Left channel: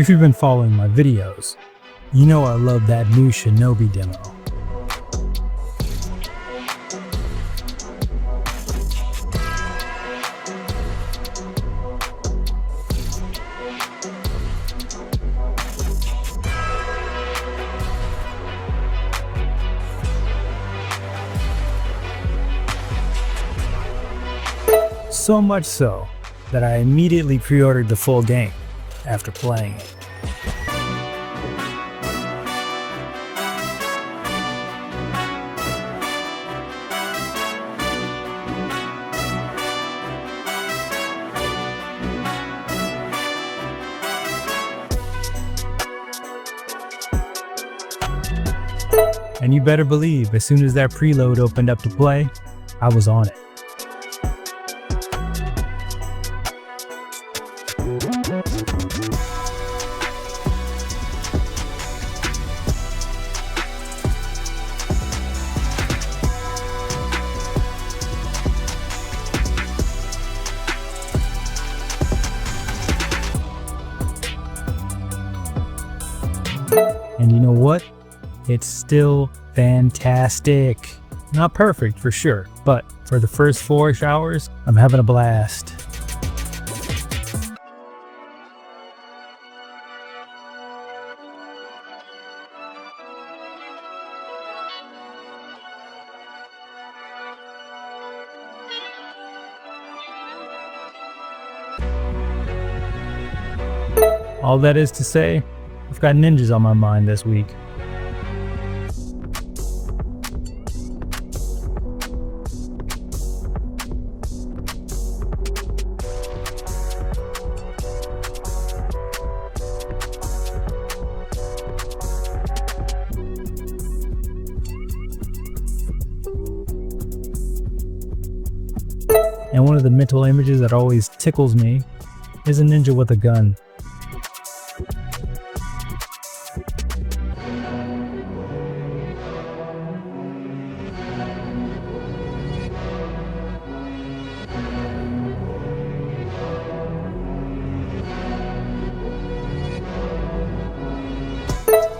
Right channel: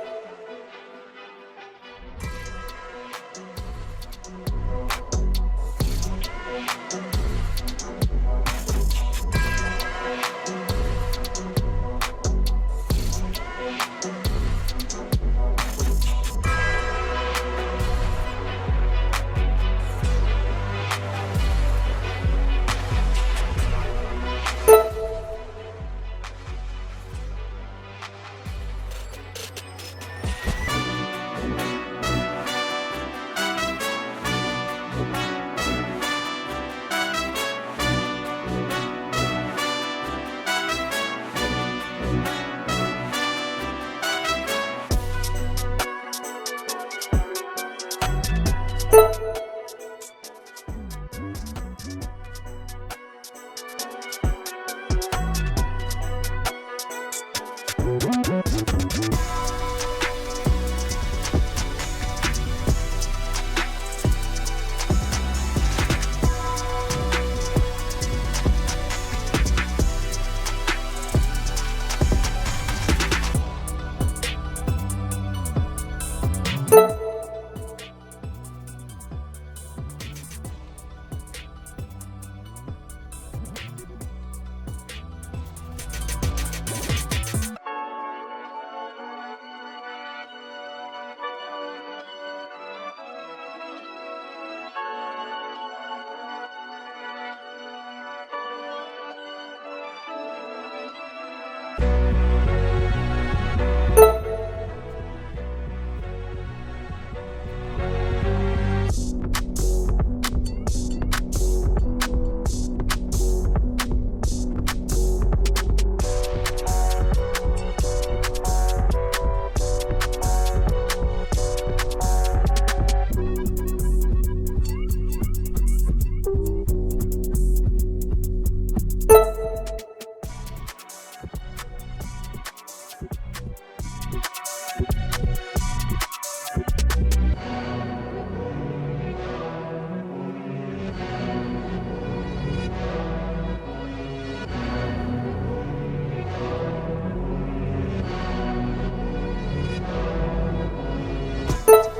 If you've been following my videos, you know I love that new Shinobi demo. So much so that I immediately pre-ordered the full game after playing it. And you better believe, as soon as that preload opened up to play, I was on it. And you know what? It's still fantastic. Not perfect for sure, but for the first 4-ish hours, I'm having a blast. All that is to say, I've got ninjas on my mind this week. And one of the mental images that always tickles me is a ninja with a gun.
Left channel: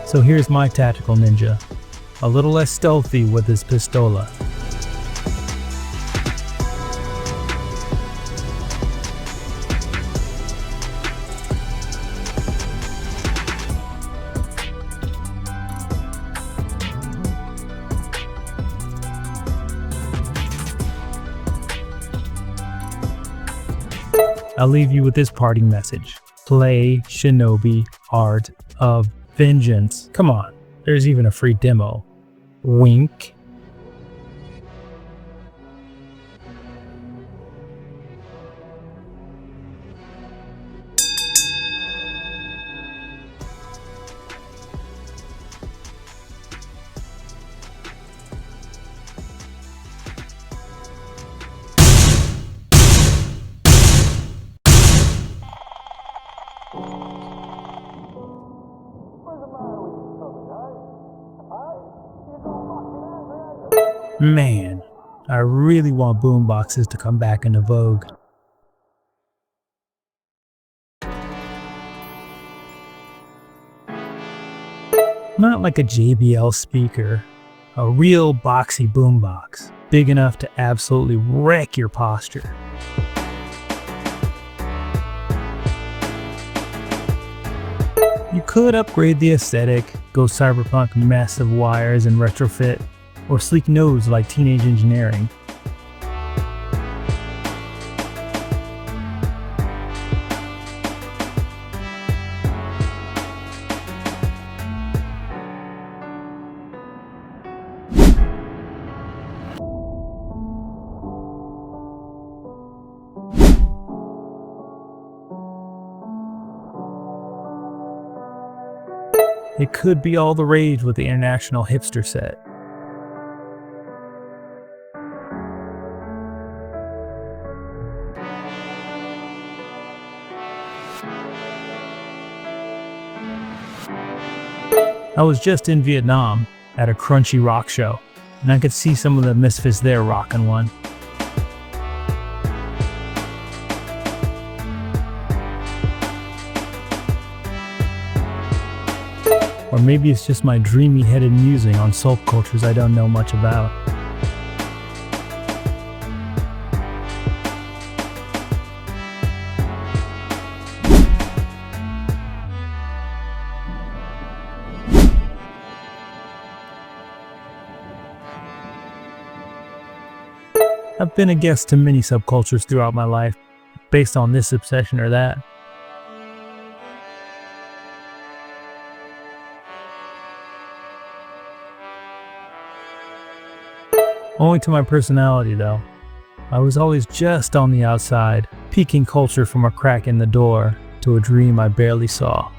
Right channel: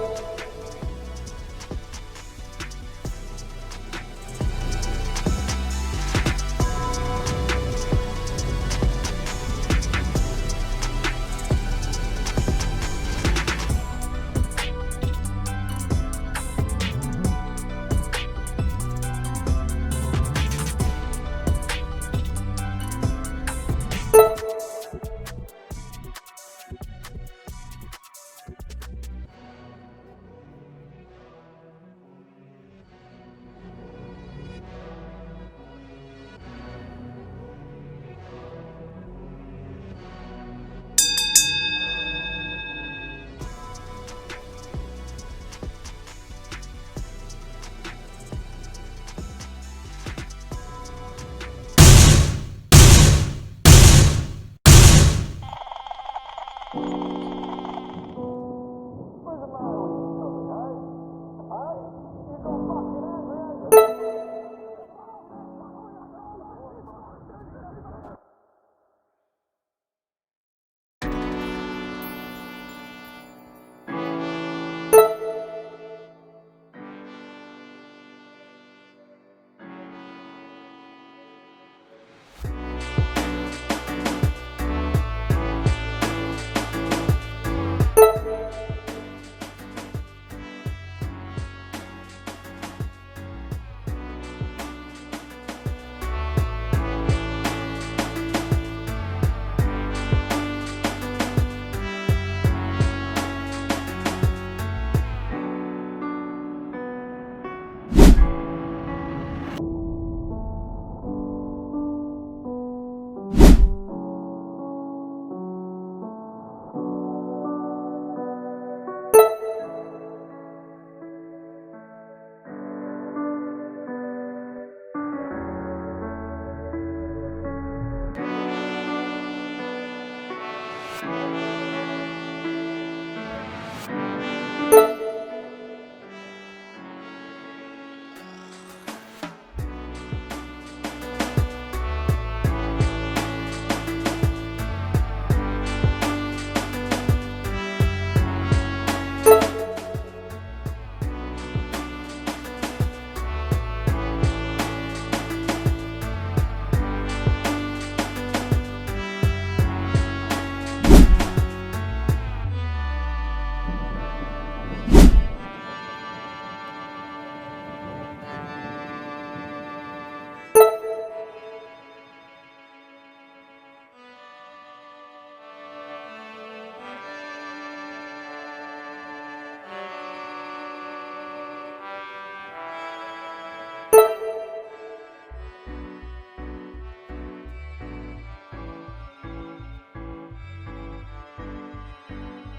So here's my tactical ninja, a little less stealthy with his pistola. I'll leave you with this parting message. Play Shinobi Art of Vengeance. Come on, there's even a free demo. Wink. Man, I really want boomboxes to come back into vogue. Not like a JBL speaker, a real boxy boombox, big enough to absolutely wreck your posture. You could upgrade the aesthetic, go cyberpunk massive wires and retrofit, or sleek nose like Teenage Engineering. It could be all the rage with the international hipster set. I was just in Vietnam at a crunchy rock show, and I could see some of the misfits there rocking one. Or maybe it's just my dreamy-headed musing on subcultures I don't know much about. I've been a guest to many subcultures throughout my life, based on this obsession or that. Only to my personality, though. I was always just on the outside, peeking culture from a crack in the door to a dream I barely saw.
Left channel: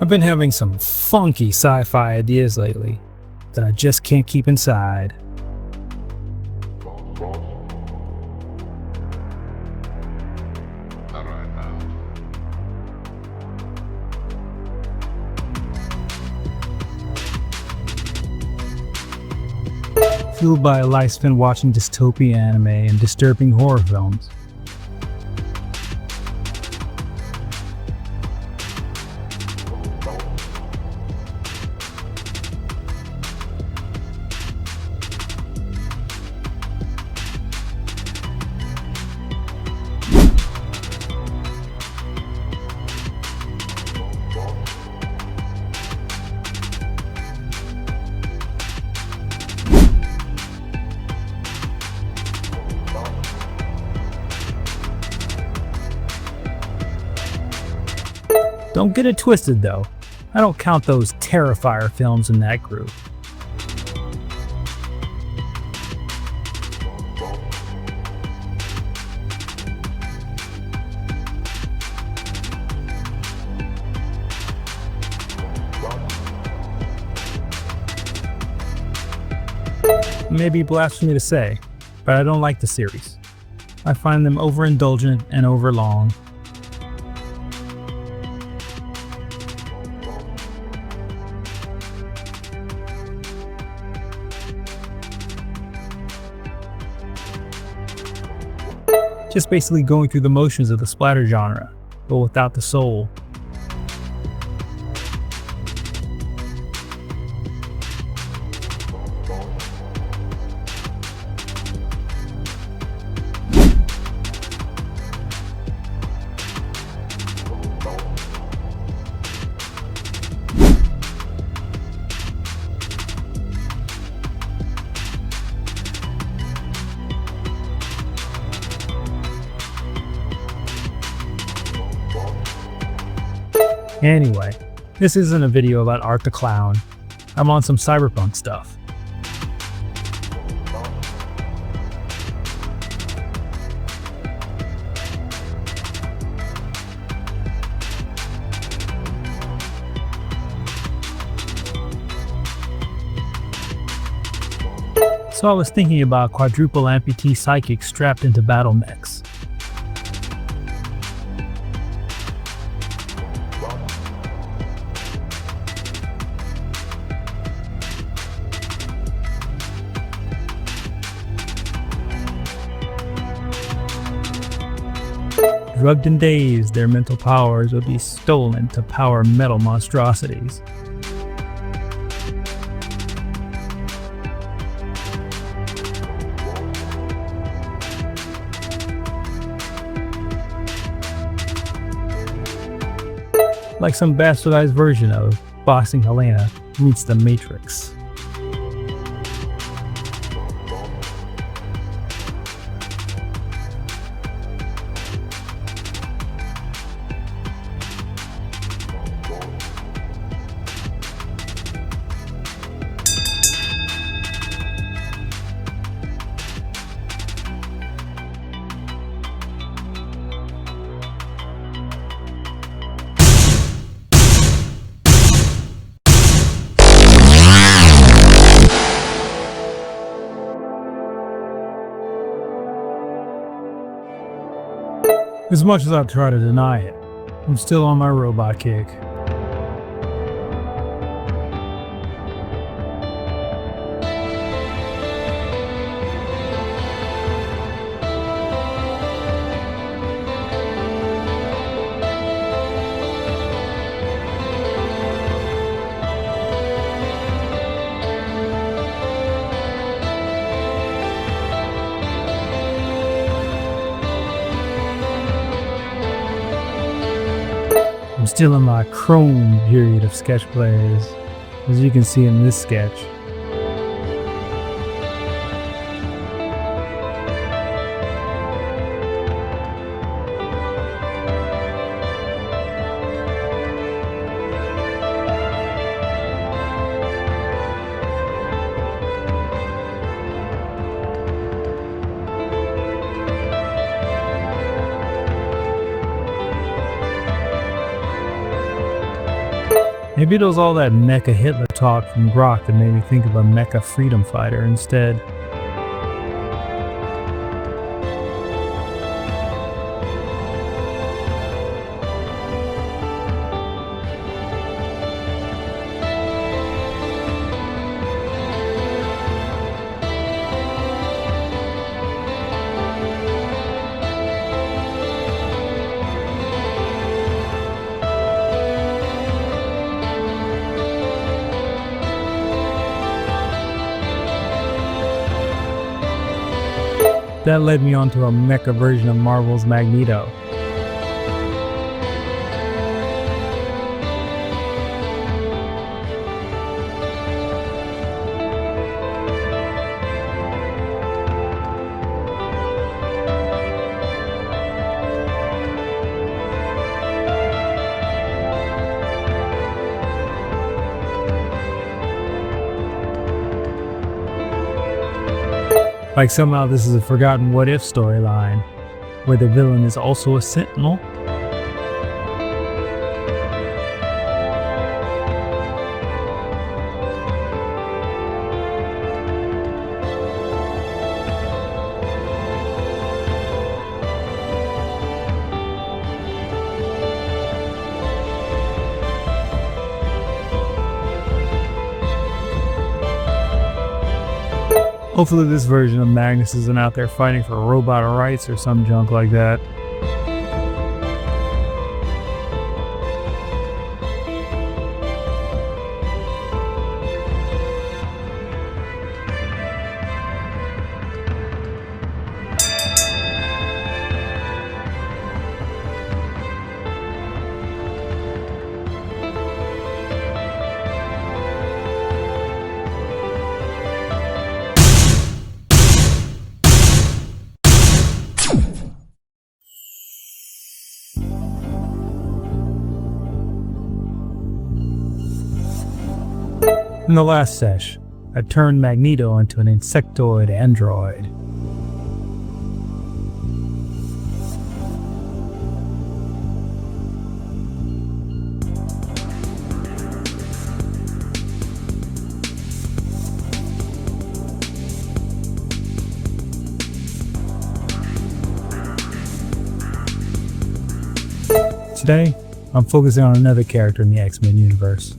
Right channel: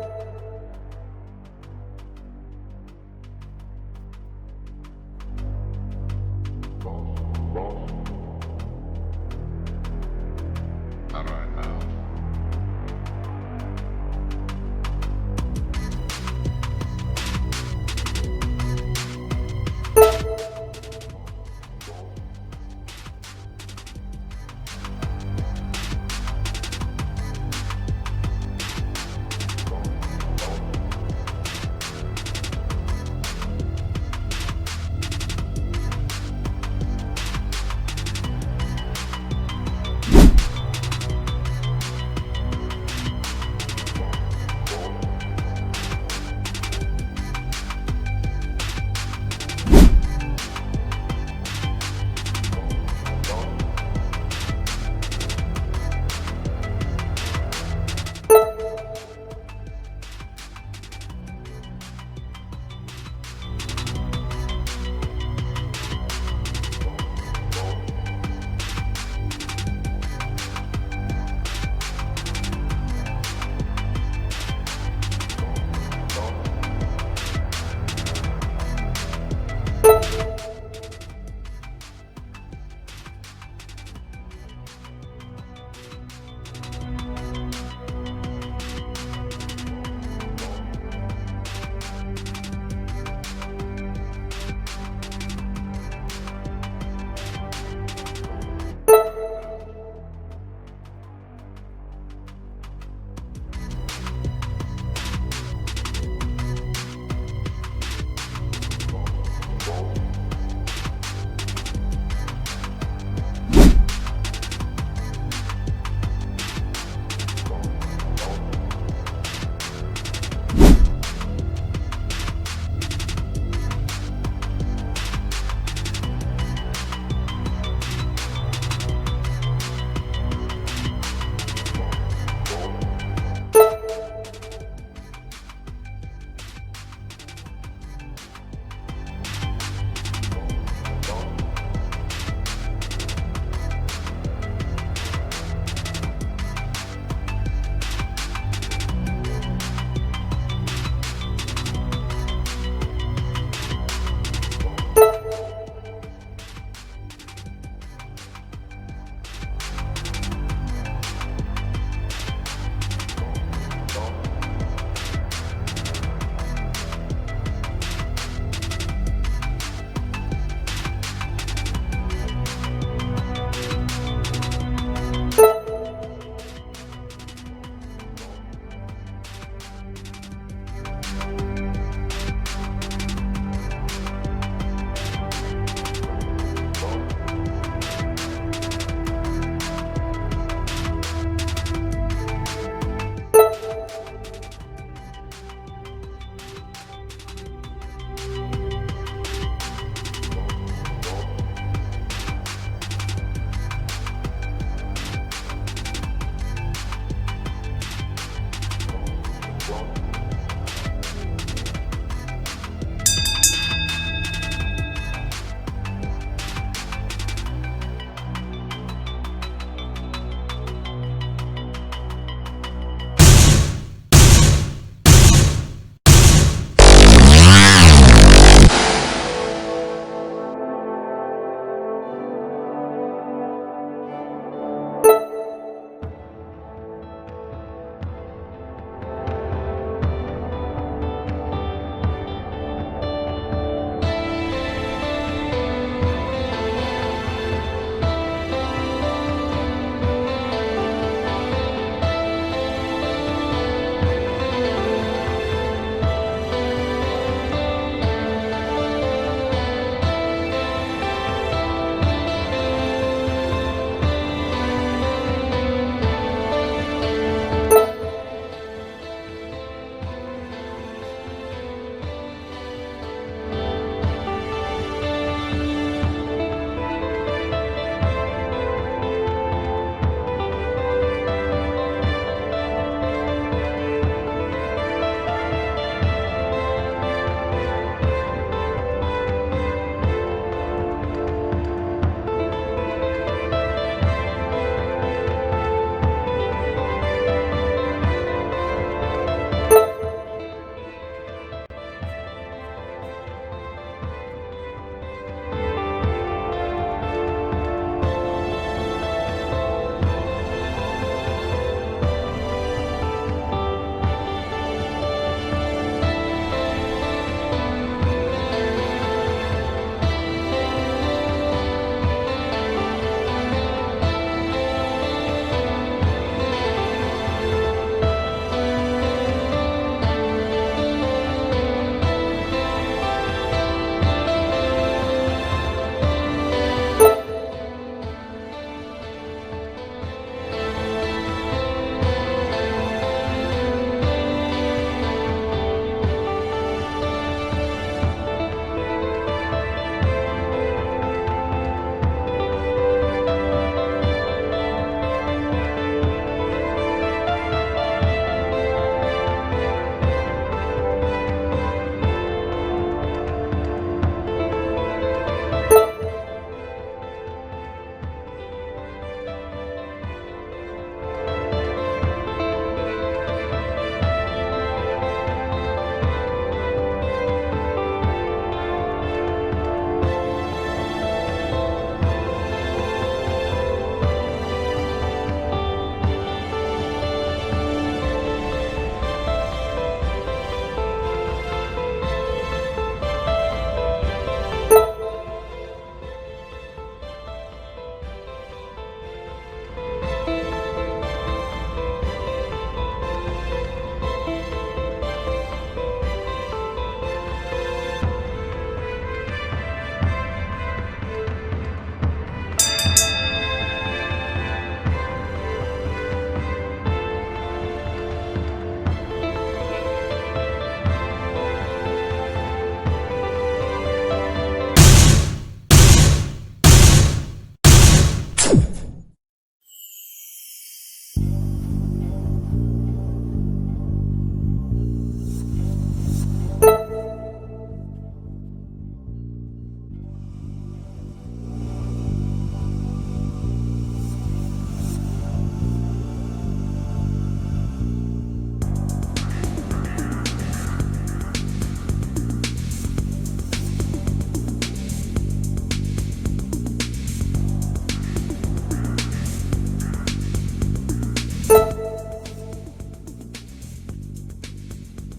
I've been having some funky sci-fi ideas lately that I just can't keep inside. All right now. Fueled by a life spent watching dystopian anime and disturbing horror films. Don't get it twisted though, I don't count those Terrifier films in that group. It may be blasphemy to say, but I don't like the series. I find them overindulgent and overlong. Just basically going through the motions of the splatter genre, but without the soul. Anyway, this isn't a video about Art the Clown. I'm on some cyberpunk stuff. So I was thinking about quadruple amputee psychics strapped into battle mechs. Drugged and dazed, their mental powers would be stolen to power metal monstrosities. Like some bastardized version of Boxing Helena meets the Matrix. As much as I try to deny it, I'm still on my robot kick. I'm still in my chrome period of sketch plays, as you can see in this sketch. Maybe it was all that mecha Hitler talk from Brock that made me think of a mecha freedom fighter instead. That led me onto a mecha version of Marvel's Magneto. Like somehow this is a forgotten what if storyline, where the villain is also a sentinel. Hopefully this version of Magnus isn't out there fighting for robot rights or some junk like that. In the last sesh, I turned Magneto into an insectoid android. Today, I'm focusing on another character in the X-Men universe.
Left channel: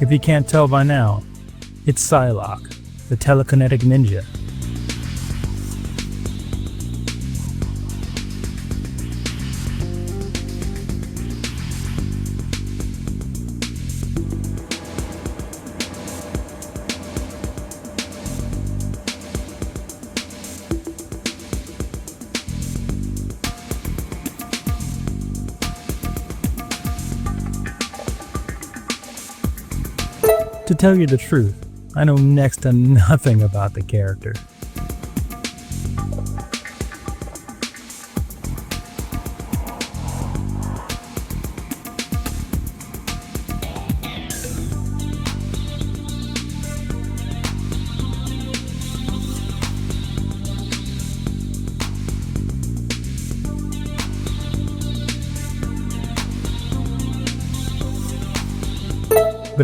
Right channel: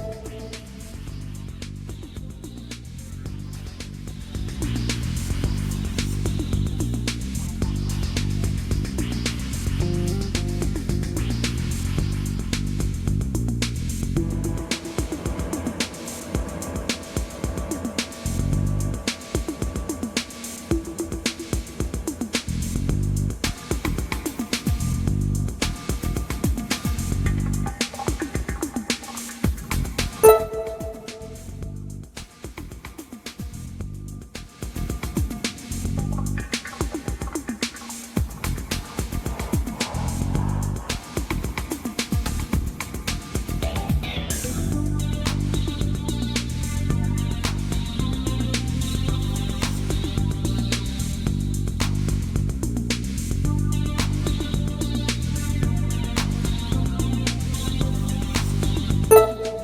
If you can't tell by now, it's Psylocke, the telekinetic ninja. To tell you the truth, I know next to nothing about the character.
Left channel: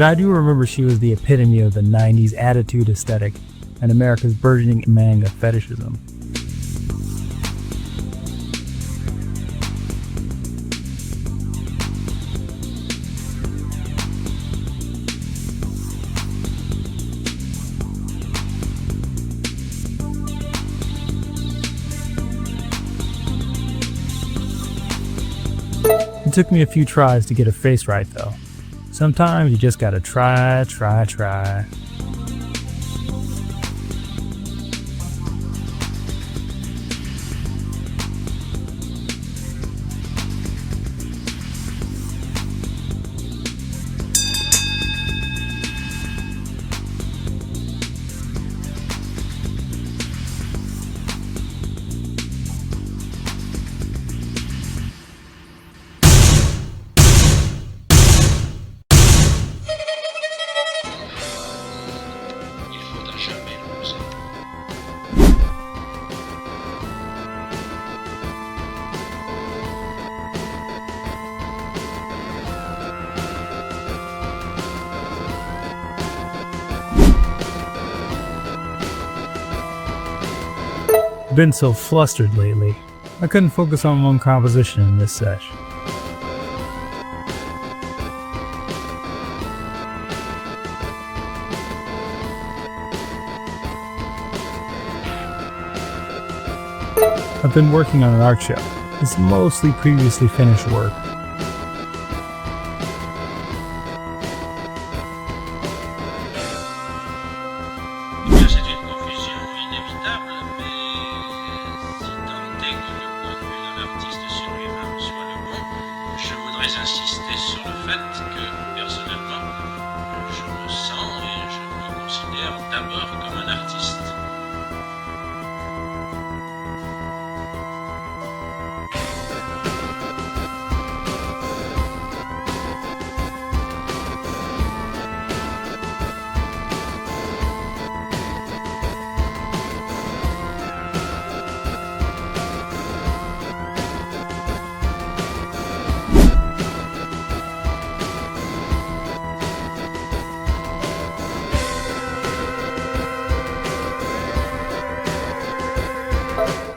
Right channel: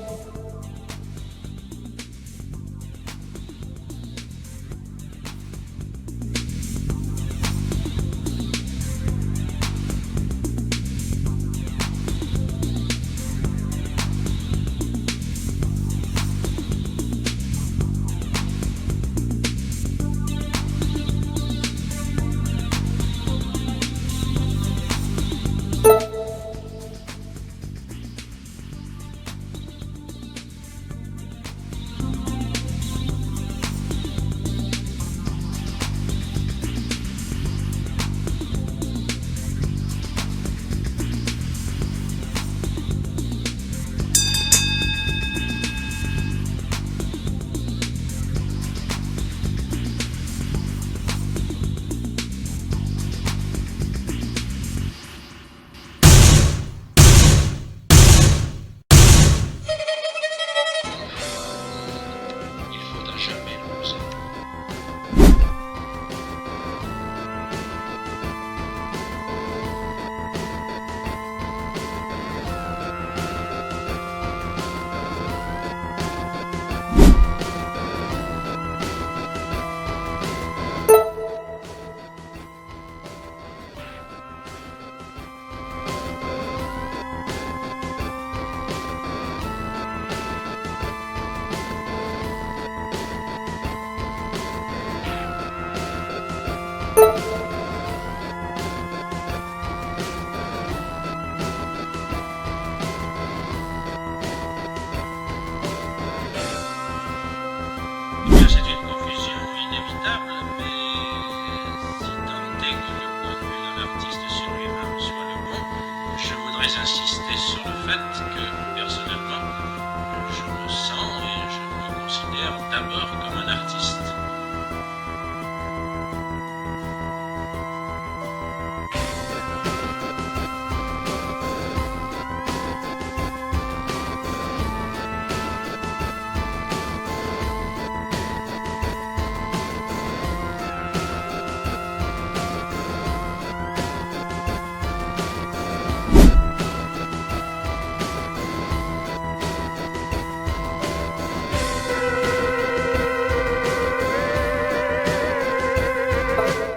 but I do remember she was the epitome of the 90s attitude aesthetic and America's burgeoning manga fetishism. It took me a few tries to get her face right though. Sometimes you just gotta try. I've been so flustered lately, I couldn't focus on one composition in this sesh. I've been working on an art show. It's mostly previously finished work. Insister sur le fait que, personnellement, je me sens et je me considère d'abord comme un artiste.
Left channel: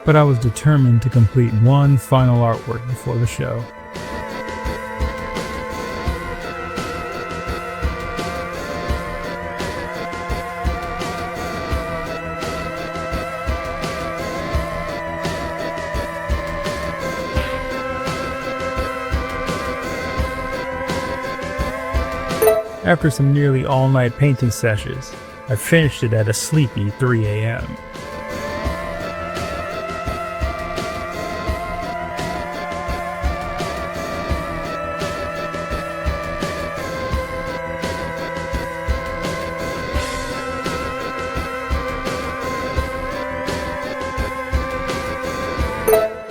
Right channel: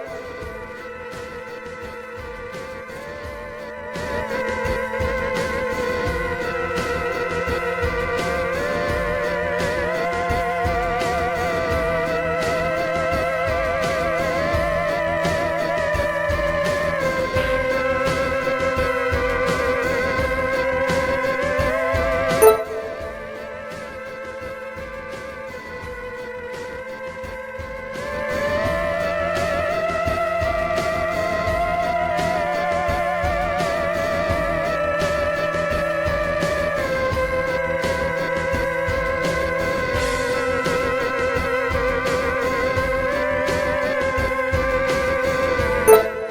But I was determined to complete one final artwork before the show. After some nearly all-night painting sessions, I finished it at a sleepy 3 a.m.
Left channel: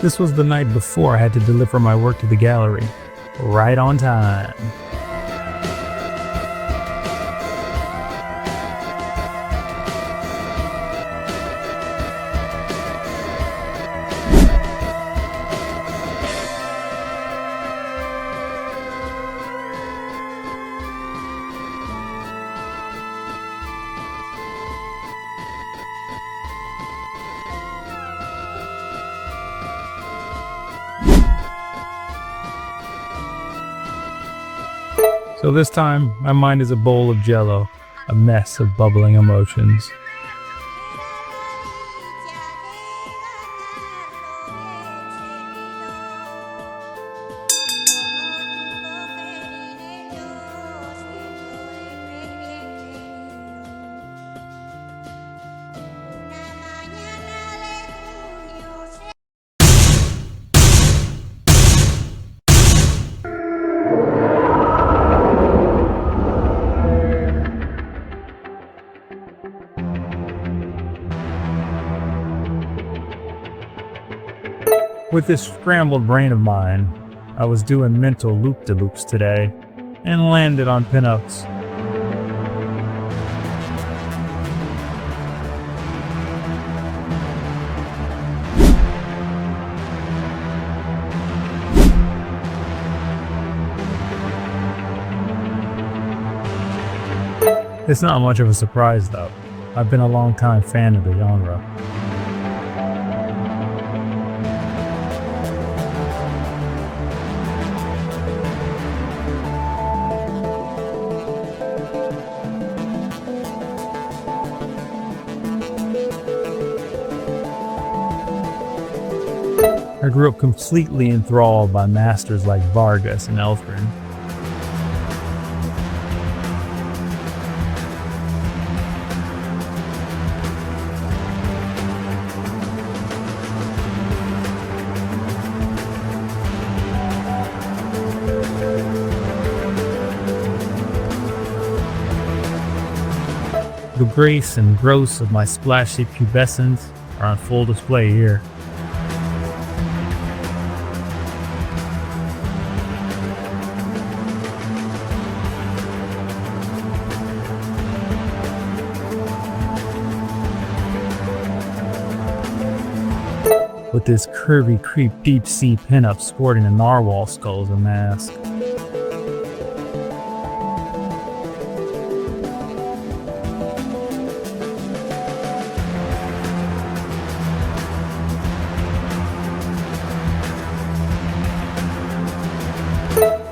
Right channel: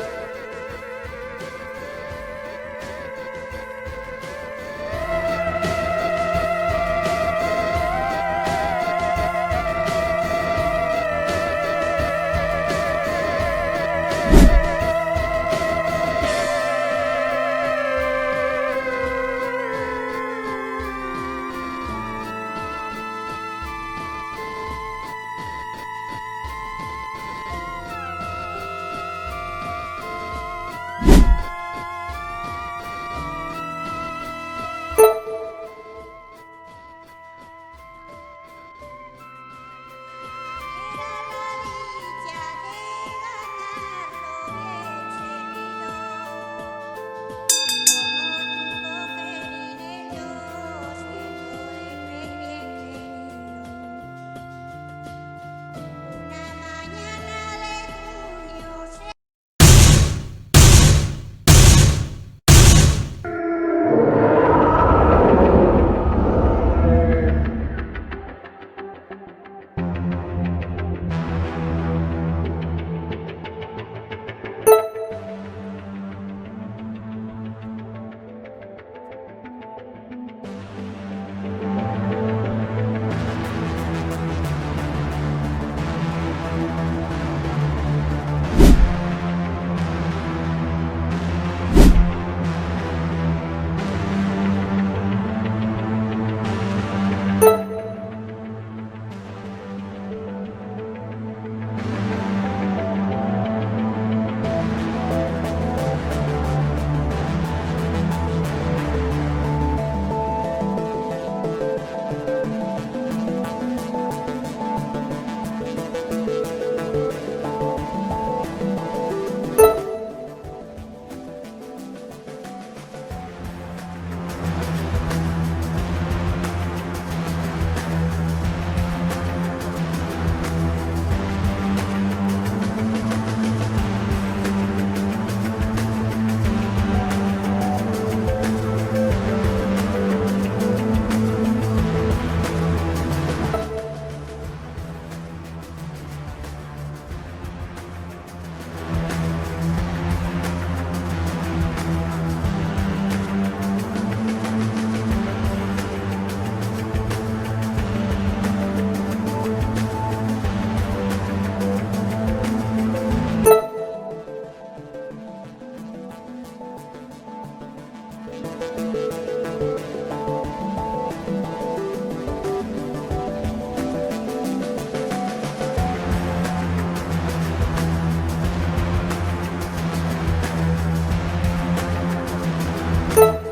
This was the night before I had to deliver my work to the gallery, right on time. So this time, my mind is a bowl of jello, a mess of bubbling emotions. With this scrambled brain of mine, I was doing mental loop-de-loops today and landed on pinups. It's not much of a surprise though. I've been a long-time fan of the genre. I grew up completely enthralled by masters like Vargas and Elfrin. The grace and gross of my splashy pubescence are on full display here. With this curvy creep deep sea pinup sporting a narwhal skull as a mask.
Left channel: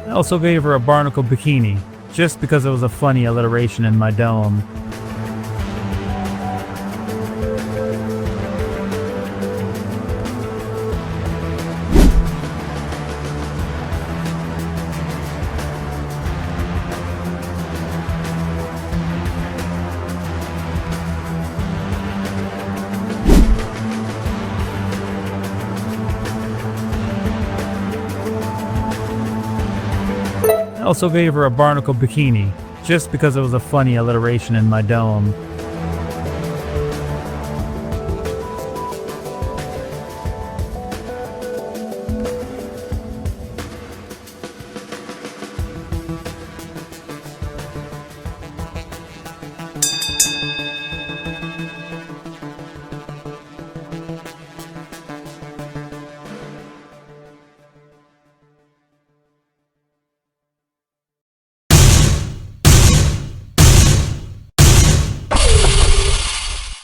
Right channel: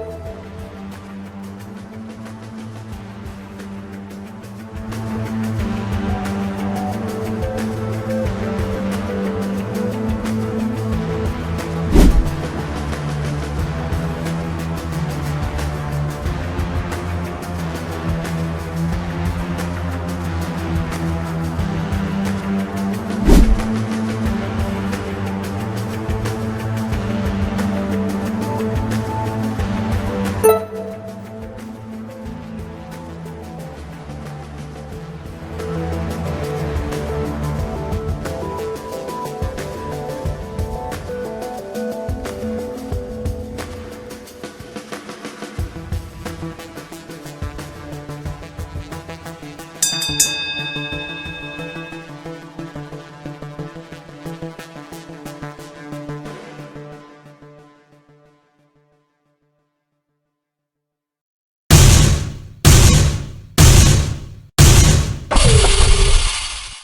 I also gave her a barnacle bikini, just because it was a funny alliteration in my dome. I also gave her a barnacle bikini, just because it was a funny alliteration in my dome.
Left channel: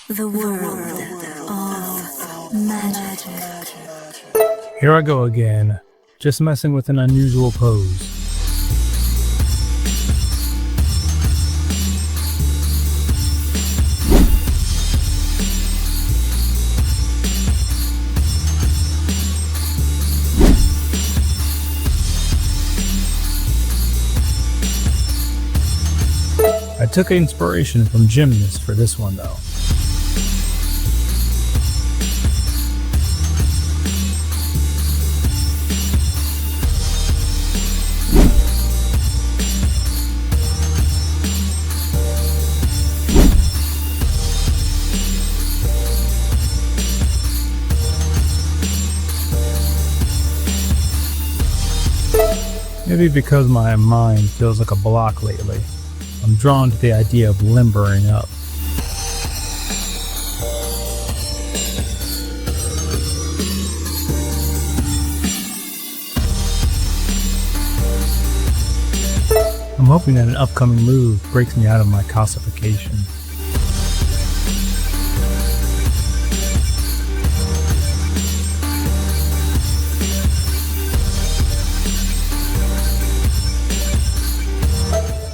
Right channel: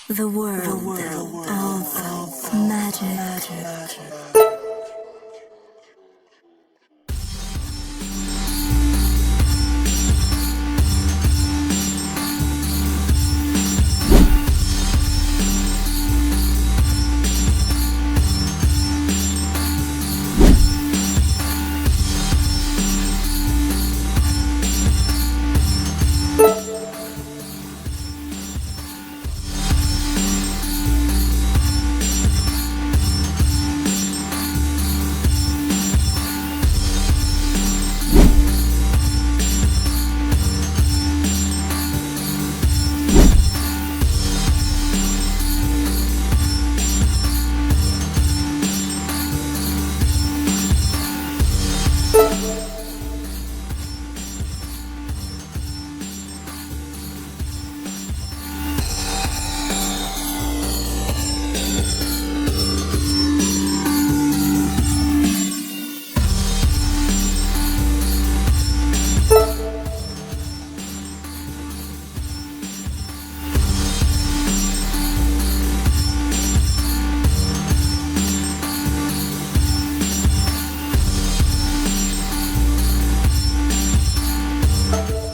The world of magic. Here I go again, just messing with an unusual pose. I took inspiration from gymnasts for this one though. Maybe because my mind feels like a block lately, I'm drawn to the idea of limbering up. I'm hoping that an upcoming move breaks me out of my calcification.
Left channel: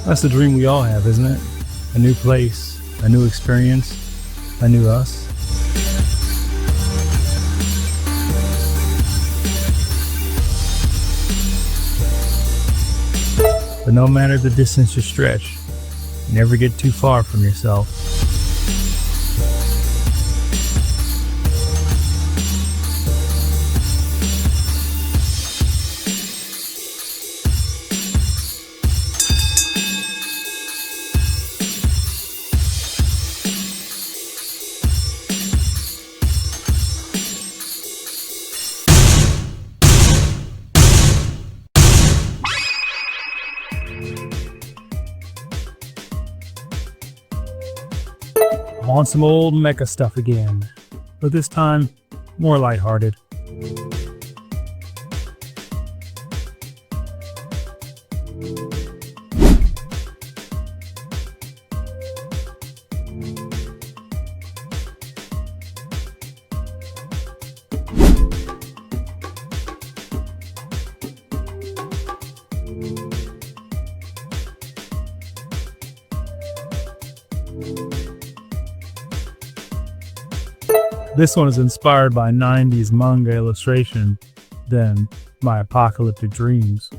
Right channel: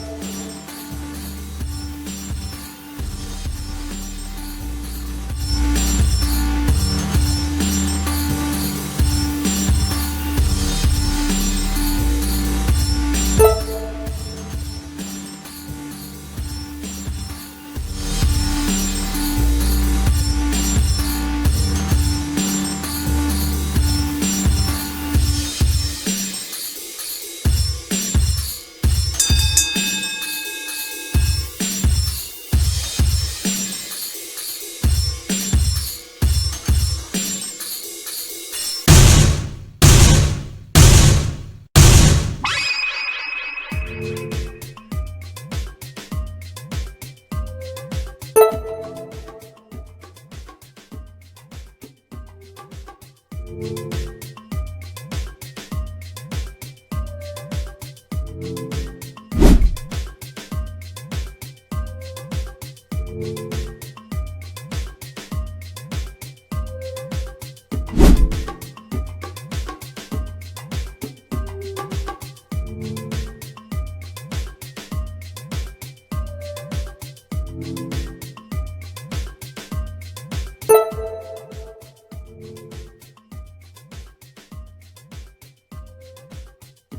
That's the dream we all have, isn't it? A new place, a new experience, a new us. But no matter the distance you stretch, you never get too far from yourself. I'm on some old mecha stuff again, but this time more lighthearted. This one is inspired by 90s manga illustration than my apocalyptic dreams.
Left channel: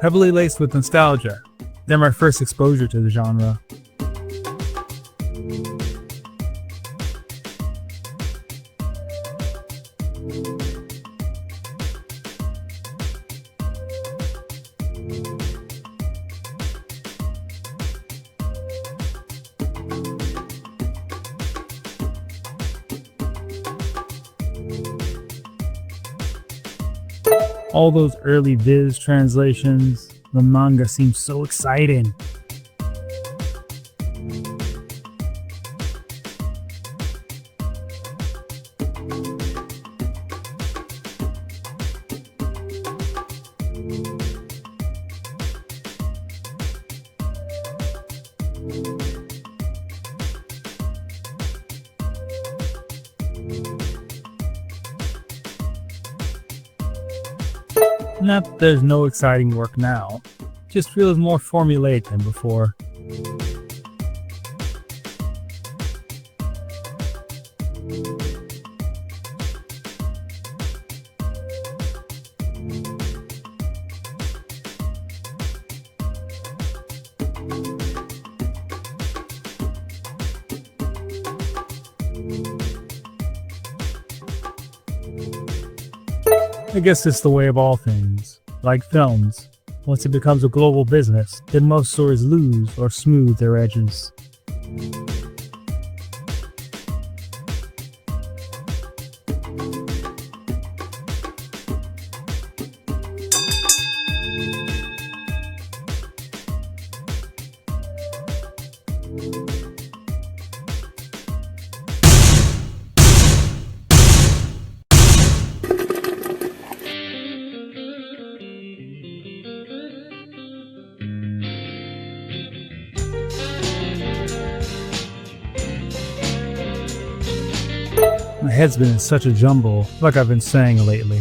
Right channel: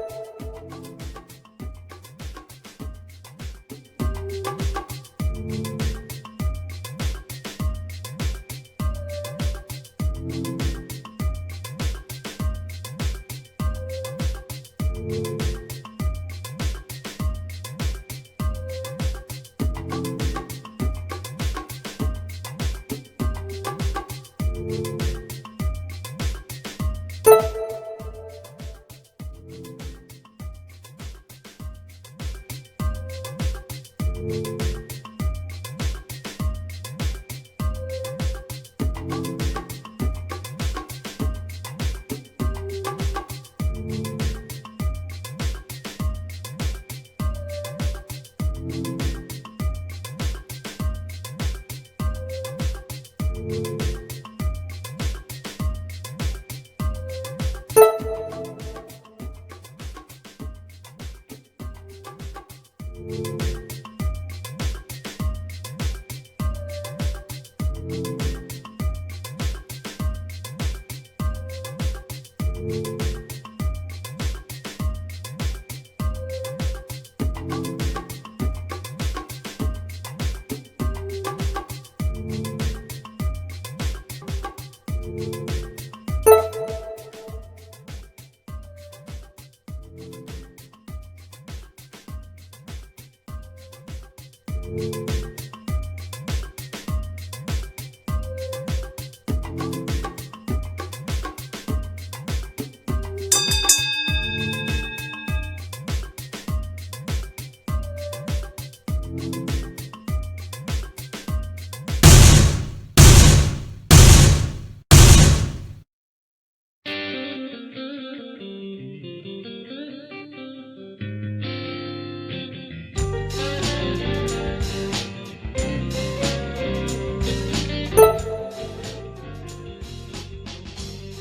Heavily laced with nostalgia. They're my first exposure to the genre. All those early Viz translations, the manga seems so exciting. Not that there's no exciting work now, just feels more formulaic than before. I guess it's the way of all things, like films. Once it becomes a global business, then most stories lose or smooth their edges. My head's been in such a jumble, like I've been saying lately.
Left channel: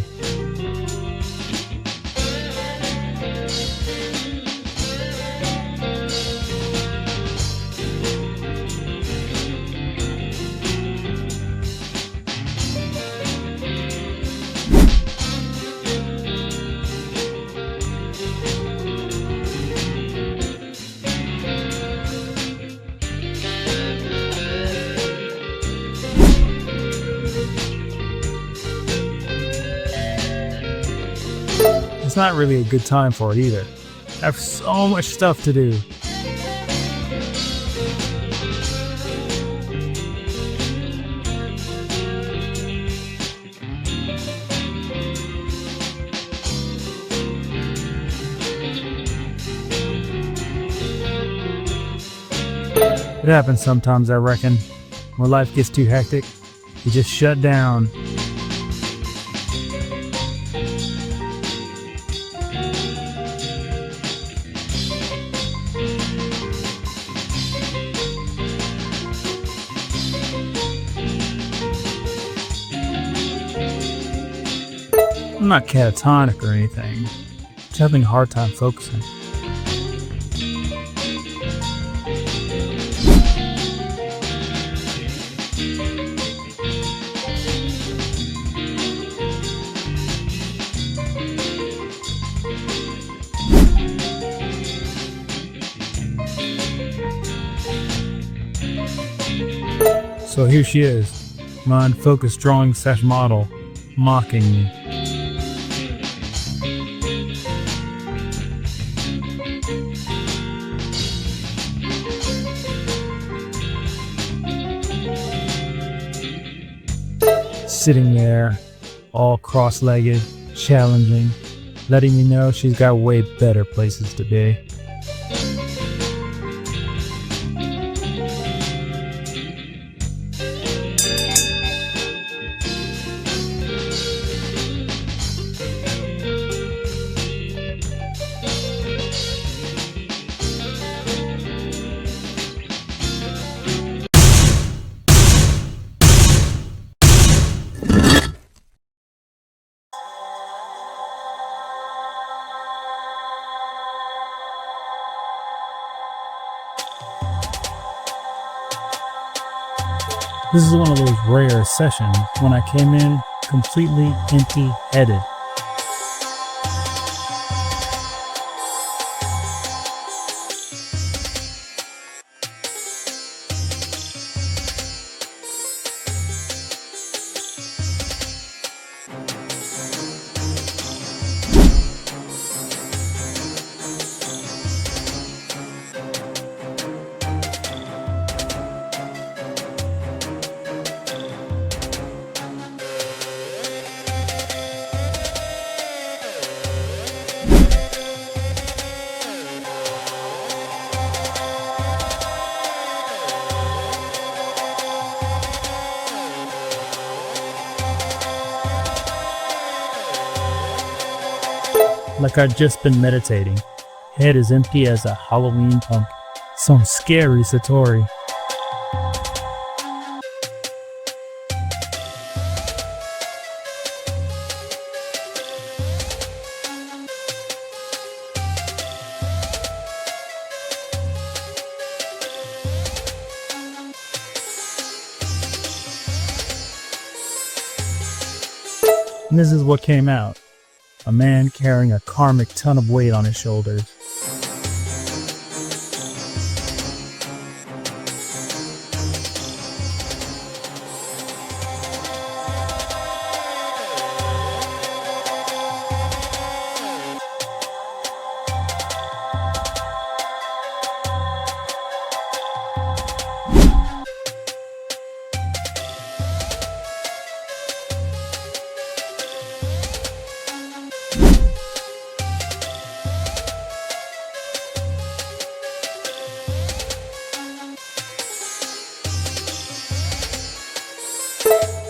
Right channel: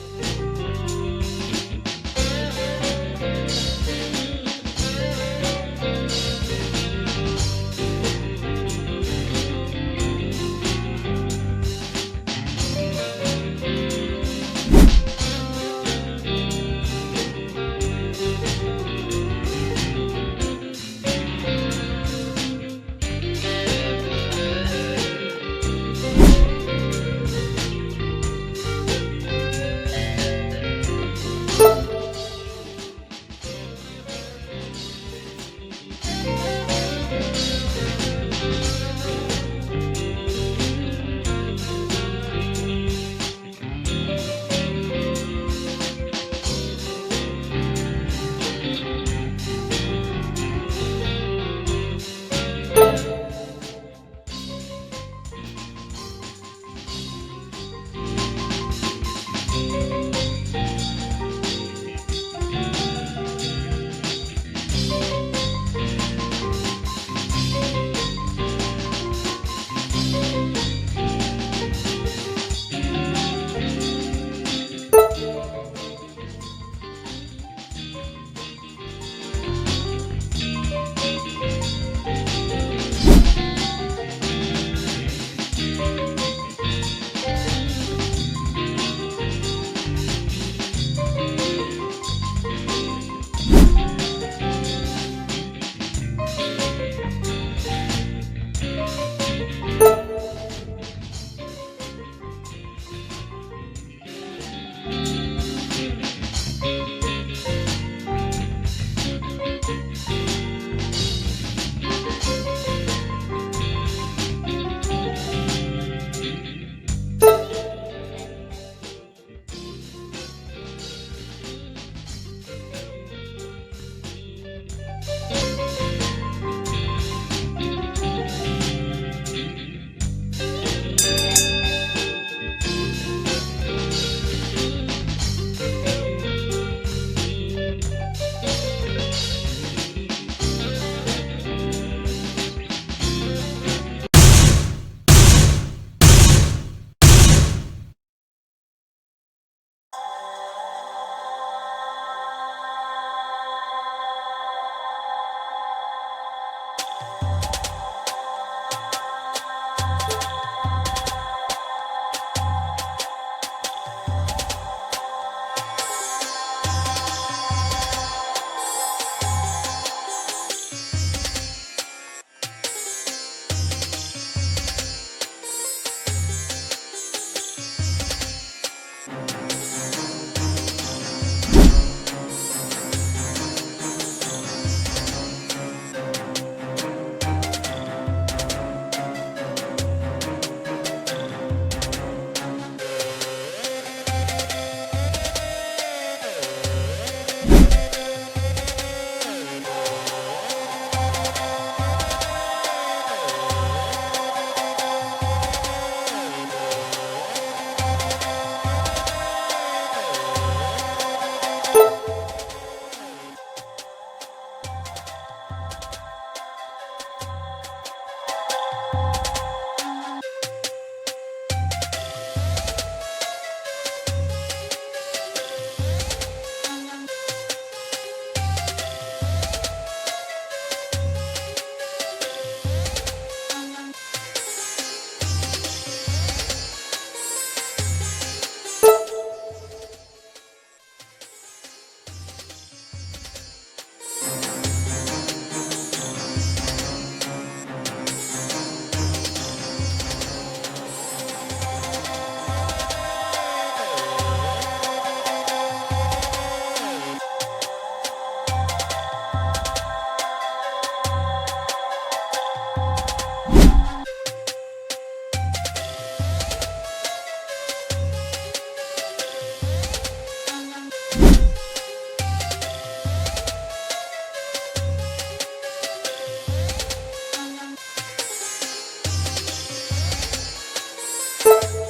It's not really a good time for it either. I have so much stuff to do. It happens sometimes, I reckon. When life gets too hectic, you just shut down. I'm not catatonic or anything. Just having a hard time focusing. So here she is, my unfocused drawing set model, mocking me. Sitting there, all cross-legged, challenging, letting me know she's got way better places to be. This is one of those rare sessions when I came in completely empty-headed. Like I'd just been meditating. Head as empty as a Halloween pumpkin. Some scary Satori. And this is what came out. A man carrying a karmic ton of weight on his shoulders.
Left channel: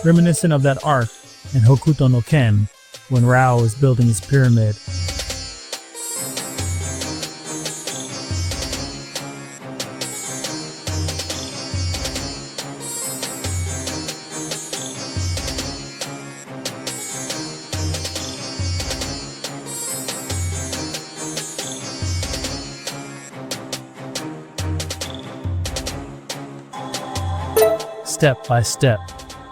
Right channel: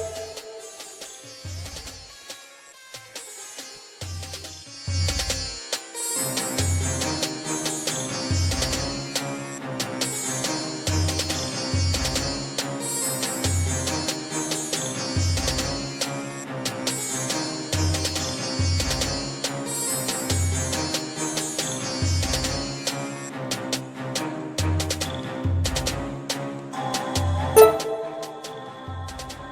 Reminiscent of that arc in Hokuto no Ken when Rao was building his pyramid. Step by step,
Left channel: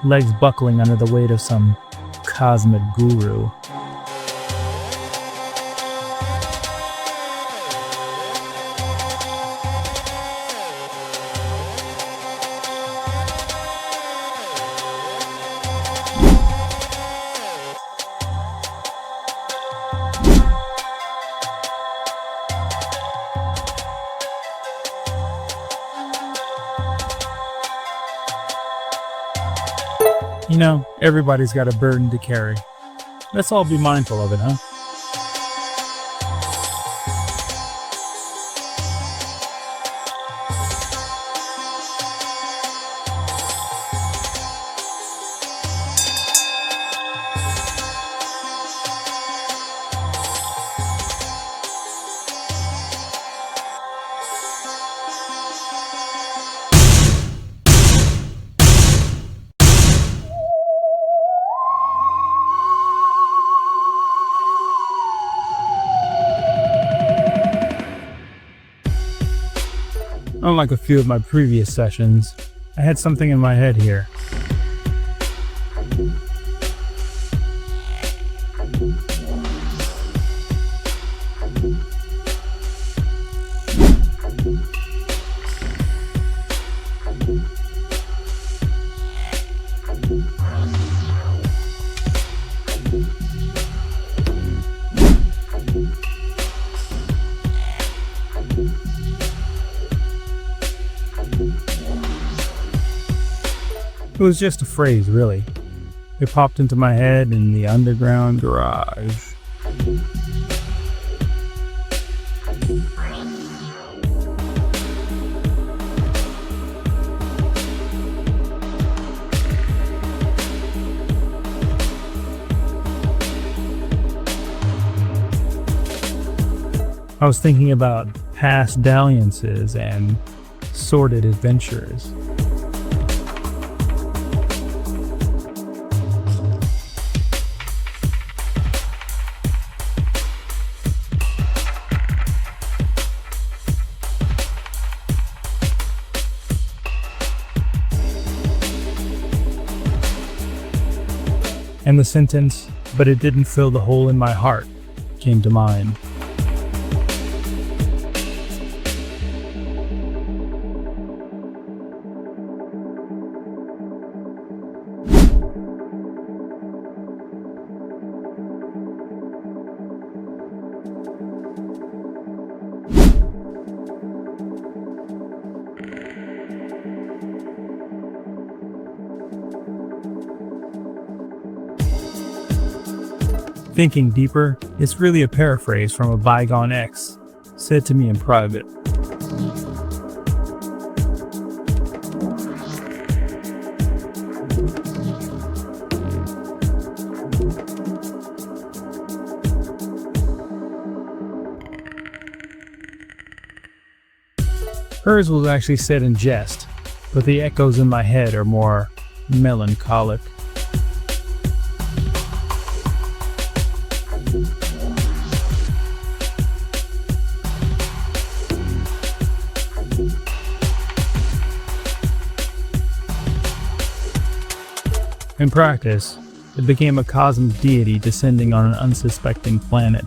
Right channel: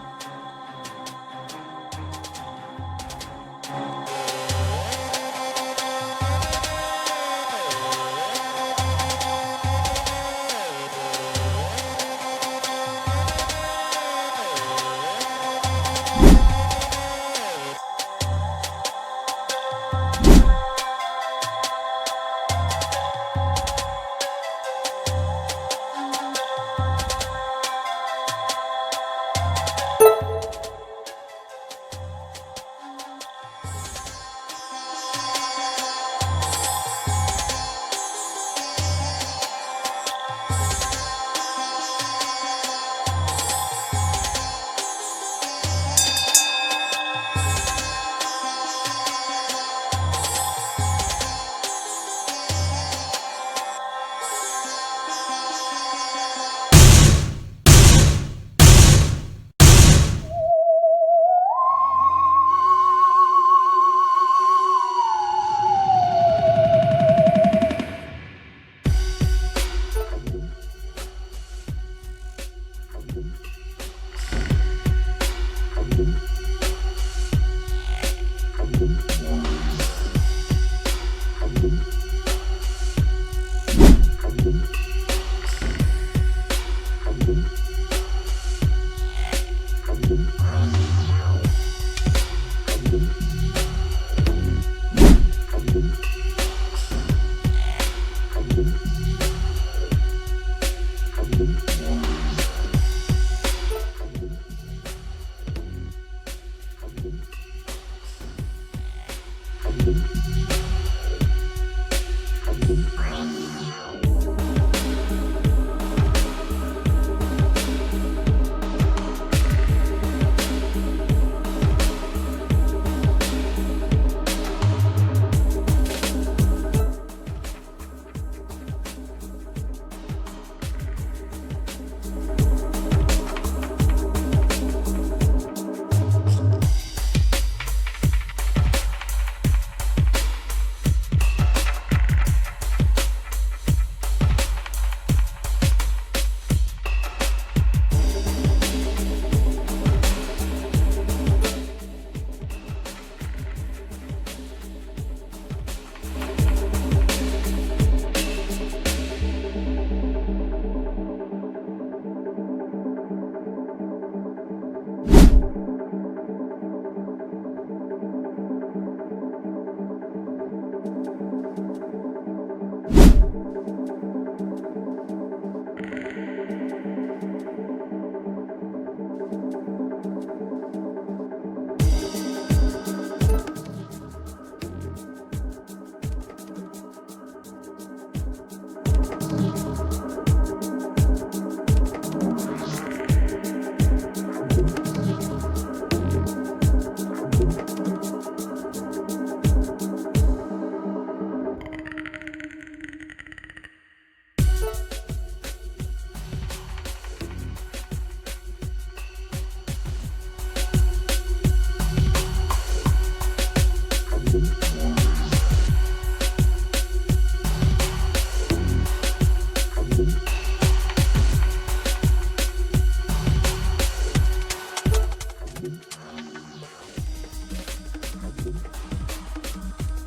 legs buckling under the weight of some cosmic guru. You know, everybody's got a burden to carry. Let's all be mindful of it, huh? Unlike a few of my previous sessions, I had something in my head here. It was just a phrase, really. It popped into my head in the underground garage. I was thinking about past dalliances and sordid adventures. And the sentence, "but it didn't fill the hole in my heart," came to mind. Thinking deeper, it's really a paraphrase from a bygone ex, said to me in private. Hers was actually said in jest, but the echoes in my head are more melancholic. In practice, it became a cosmic deity descending on an unsuspecting planet.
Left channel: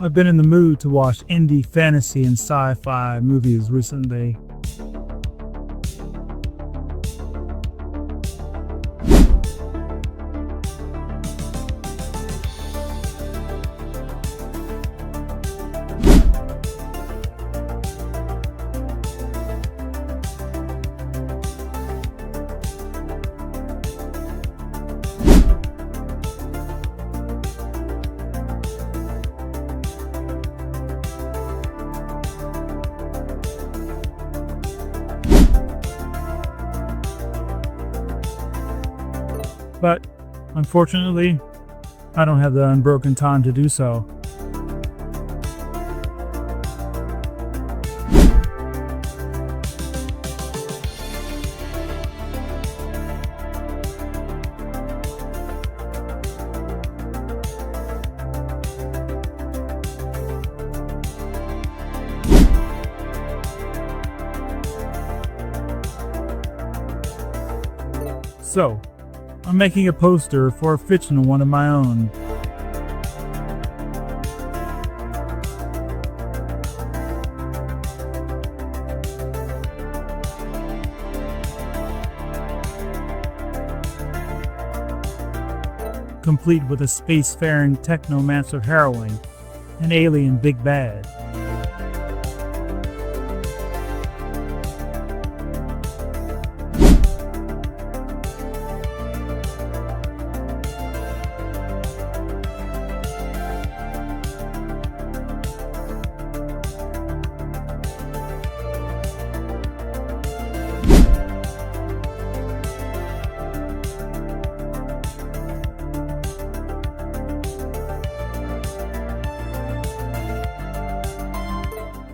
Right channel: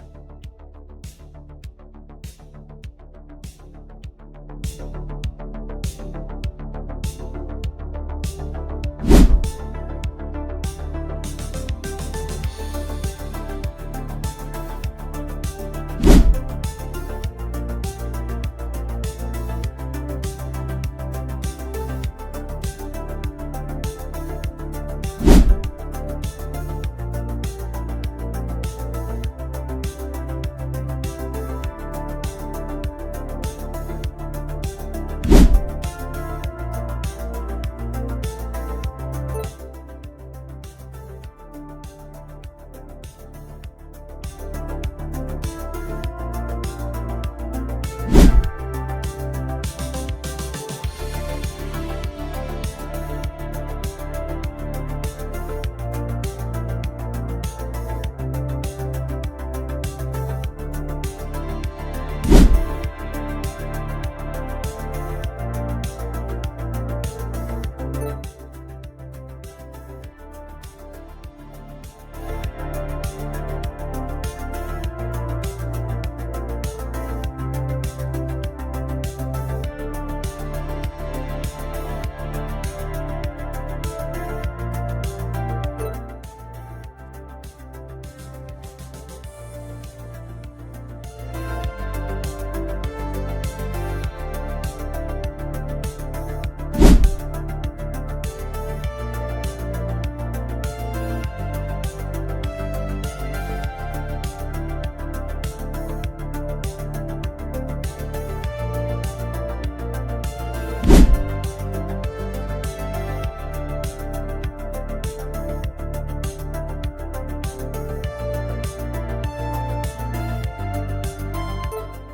I've been in the mood to watch indie fantasy and sci-fi movies recently. But, unfortunately, I don't have the unbroken time to do so. So, I'm making a poster for a fictional one of my own. Complete with a spacefaring technomancer heroine, an alien big bad.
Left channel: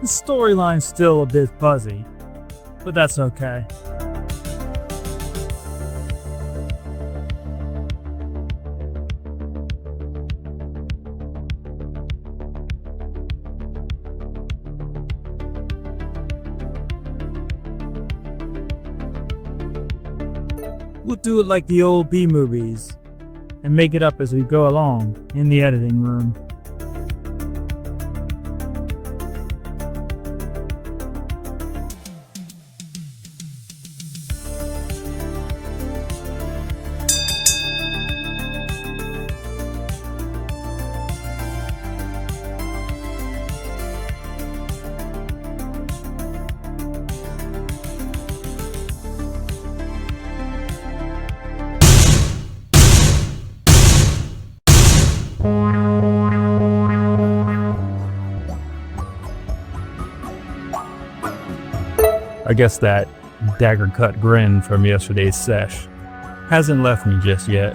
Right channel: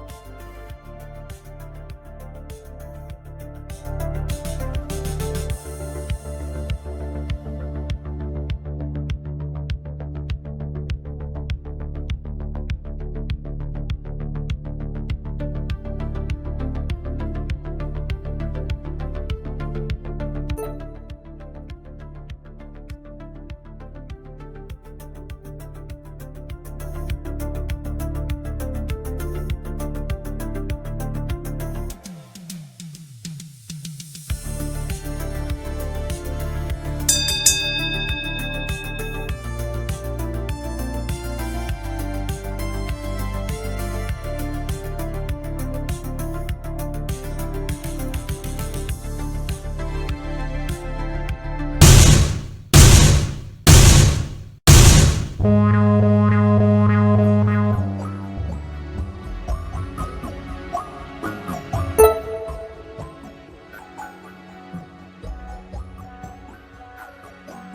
The storyline's still a bit fuzzy, but that's okay. We'll do it like the old B movies and make it up as we go along in the editing room. I guess that dagger cut grin from yesterday's sesh hasn't left me just yet.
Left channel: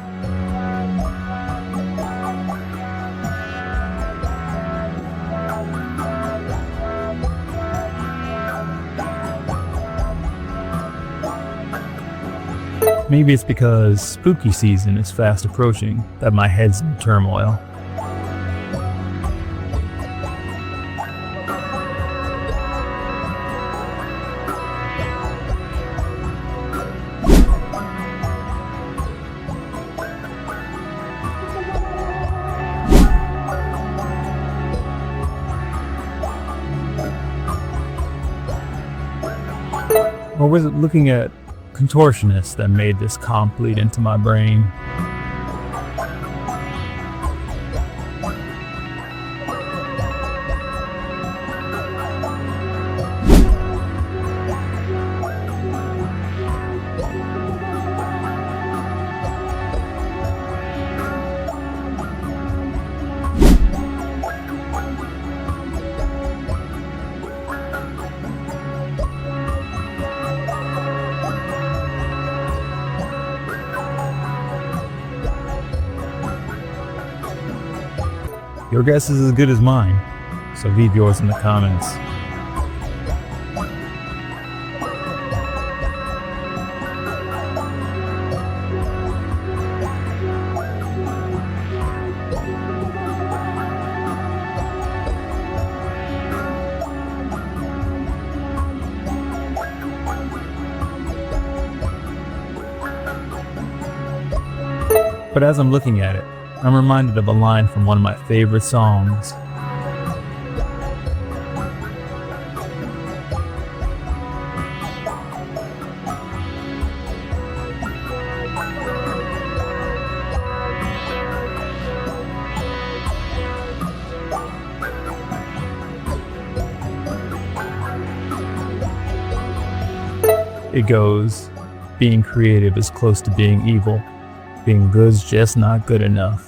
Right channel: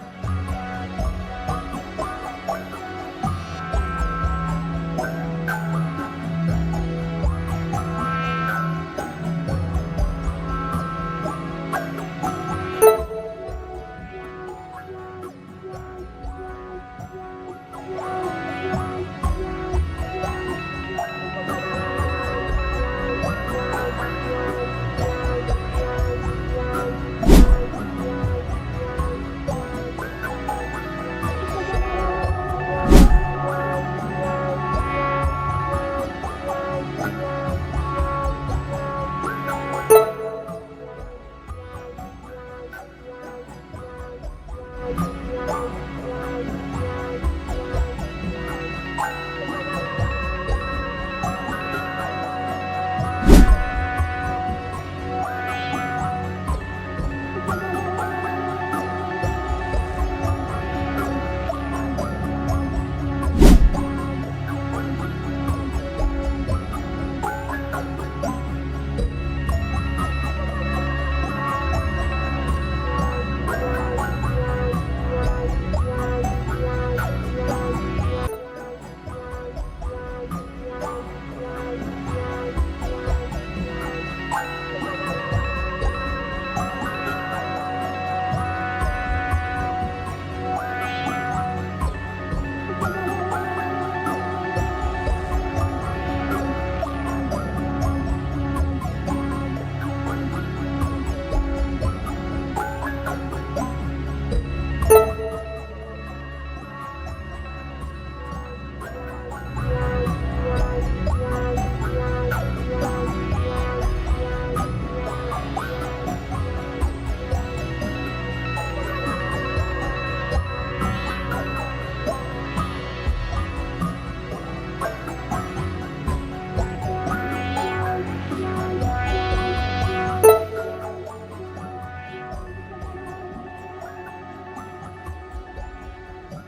Maybe it's because spooky season is fast approaching that my head's in turmoil. Or was it looking at contortionists that made this comp bleed into my brain? Your guess is as good as mine, so leave yours in the comments. But as I'm looking at it, I'm reminded of a line from one of my favorite songs. It goes, being creative is close to being evil. Being good's just not good enough.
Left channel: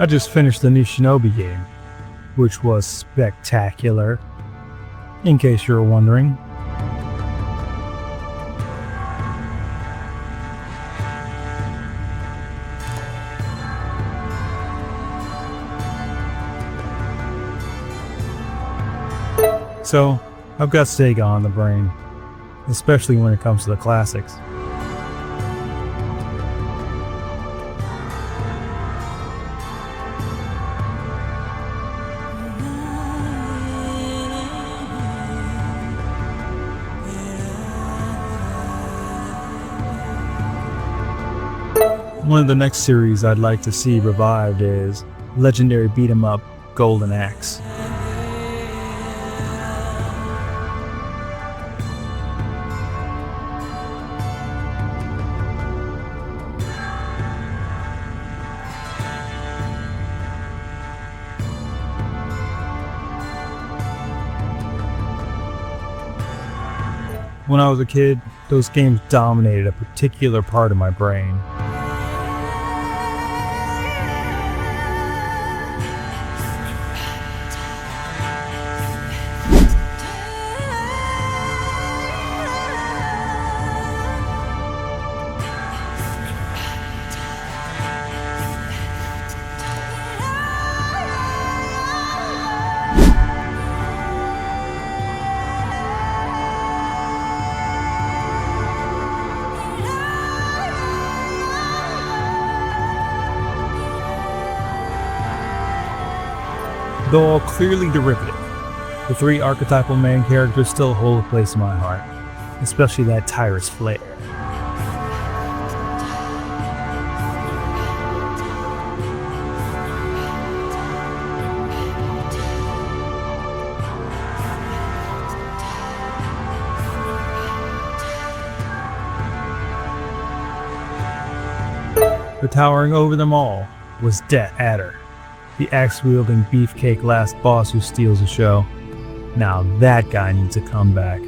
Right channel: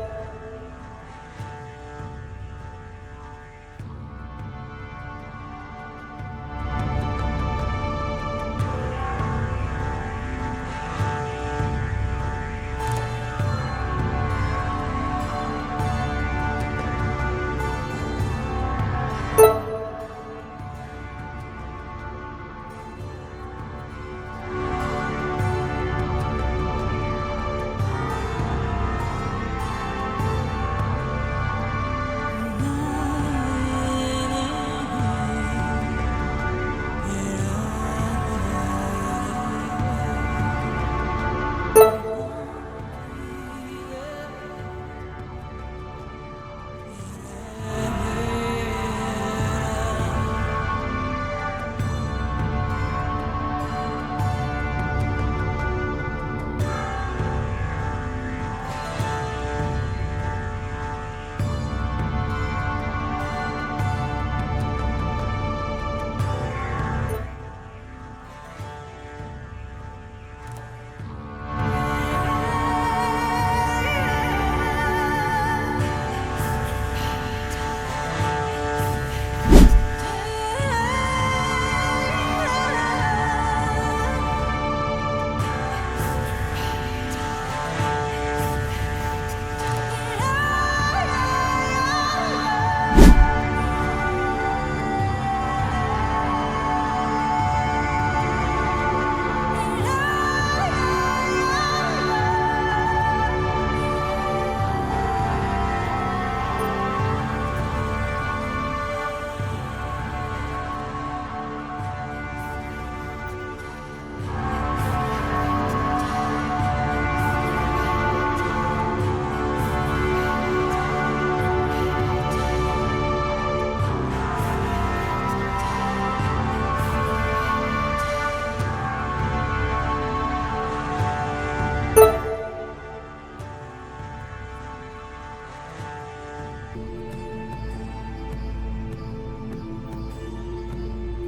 I just finished the new Shinobi game, which was spectacular, in case you were wondering. So, I've got Sega on the brain, especially when it comes to the classics. One of the next series I'd like to see revived is legendary beat-em-up Golden Axe. When I was a kid, those games dominated a particular part of my brain. Though all clearly derivative, the three archetypal main characters still hold a place in my heart, especially that Tyrus Flair. But towering over them all was Det Adder, the axe-wielding beefcake last boss who steals the show. Now that guy needs a comeback.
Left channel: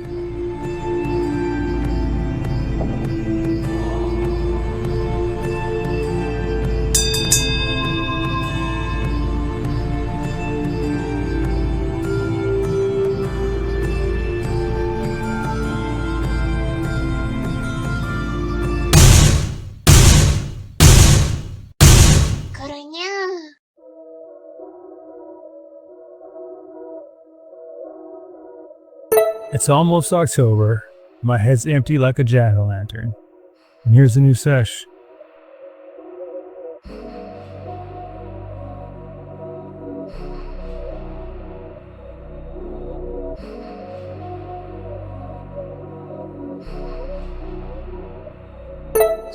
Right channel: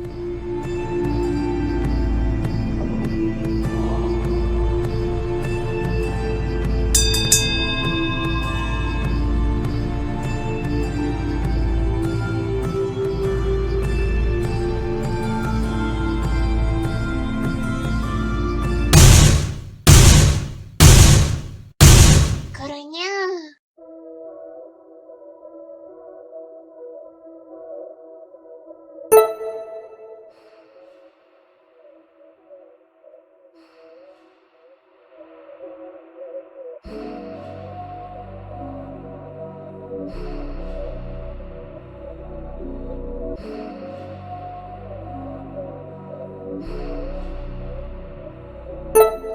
It's almost October. My head's empty like a jack-o'-lantern. And here's the new sesh.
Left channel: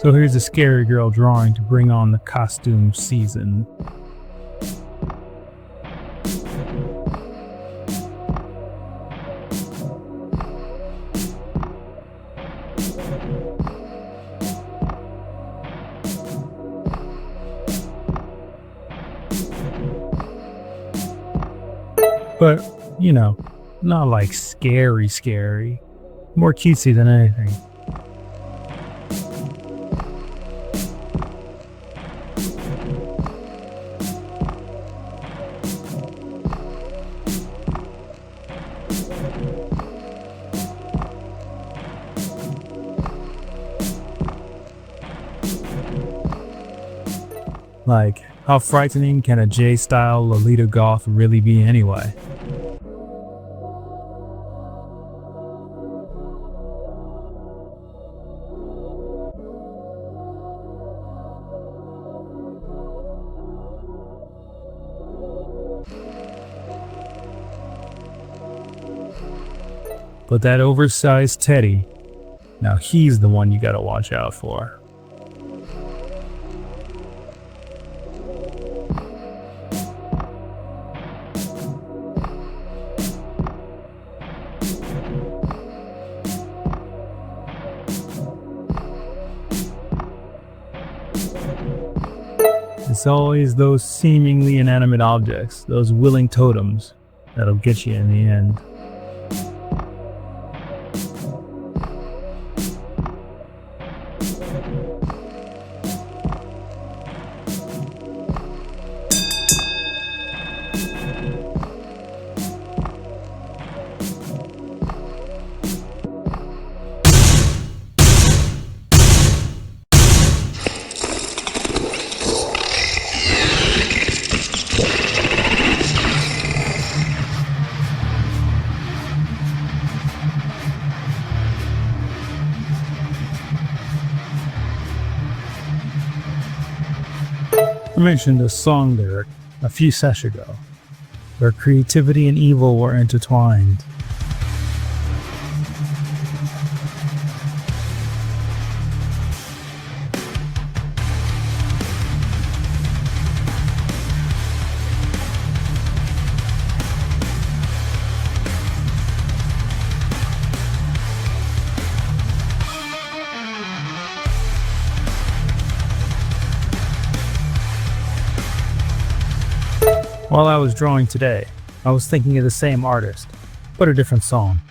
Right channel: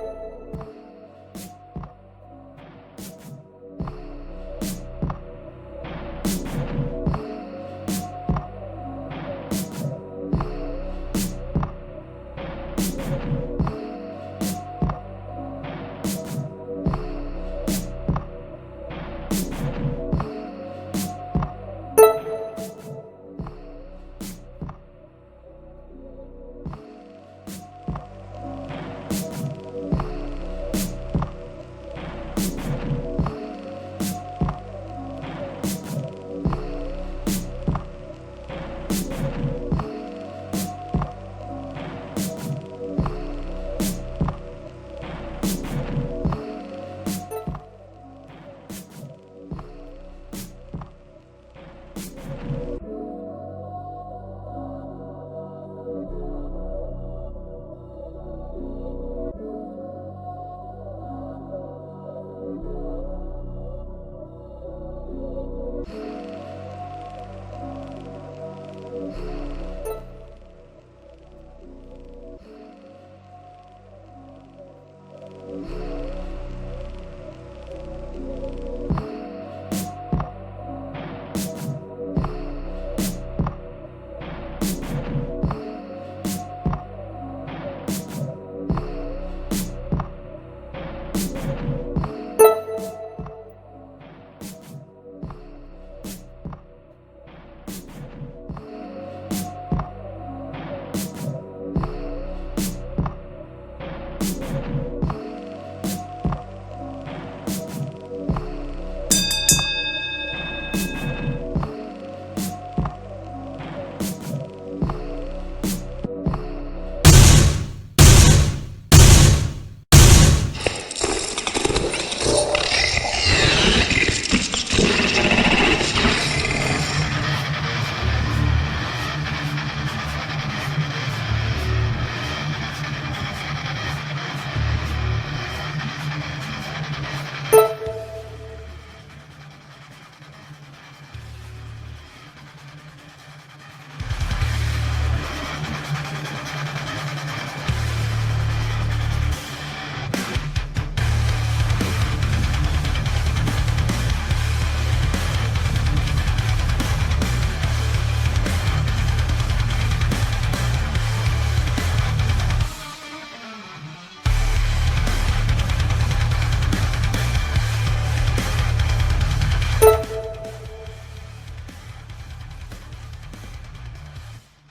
So here's a scary girl drawing to bring on the costume season. But, you know, not like scary. More cutesy than anything. Like, how frightening can a J-style Lolita goth really be anyway? But that oversized Teddy, now he's the one you gotta watch out for. It's always those seemingly inanimate objects, those willing totems, that'll get you in the end. I mentioned a song lyric a few sessions ago, where creativity and evil were intertwined. While I was drawing today, I was thinking of the same artist, but a different song.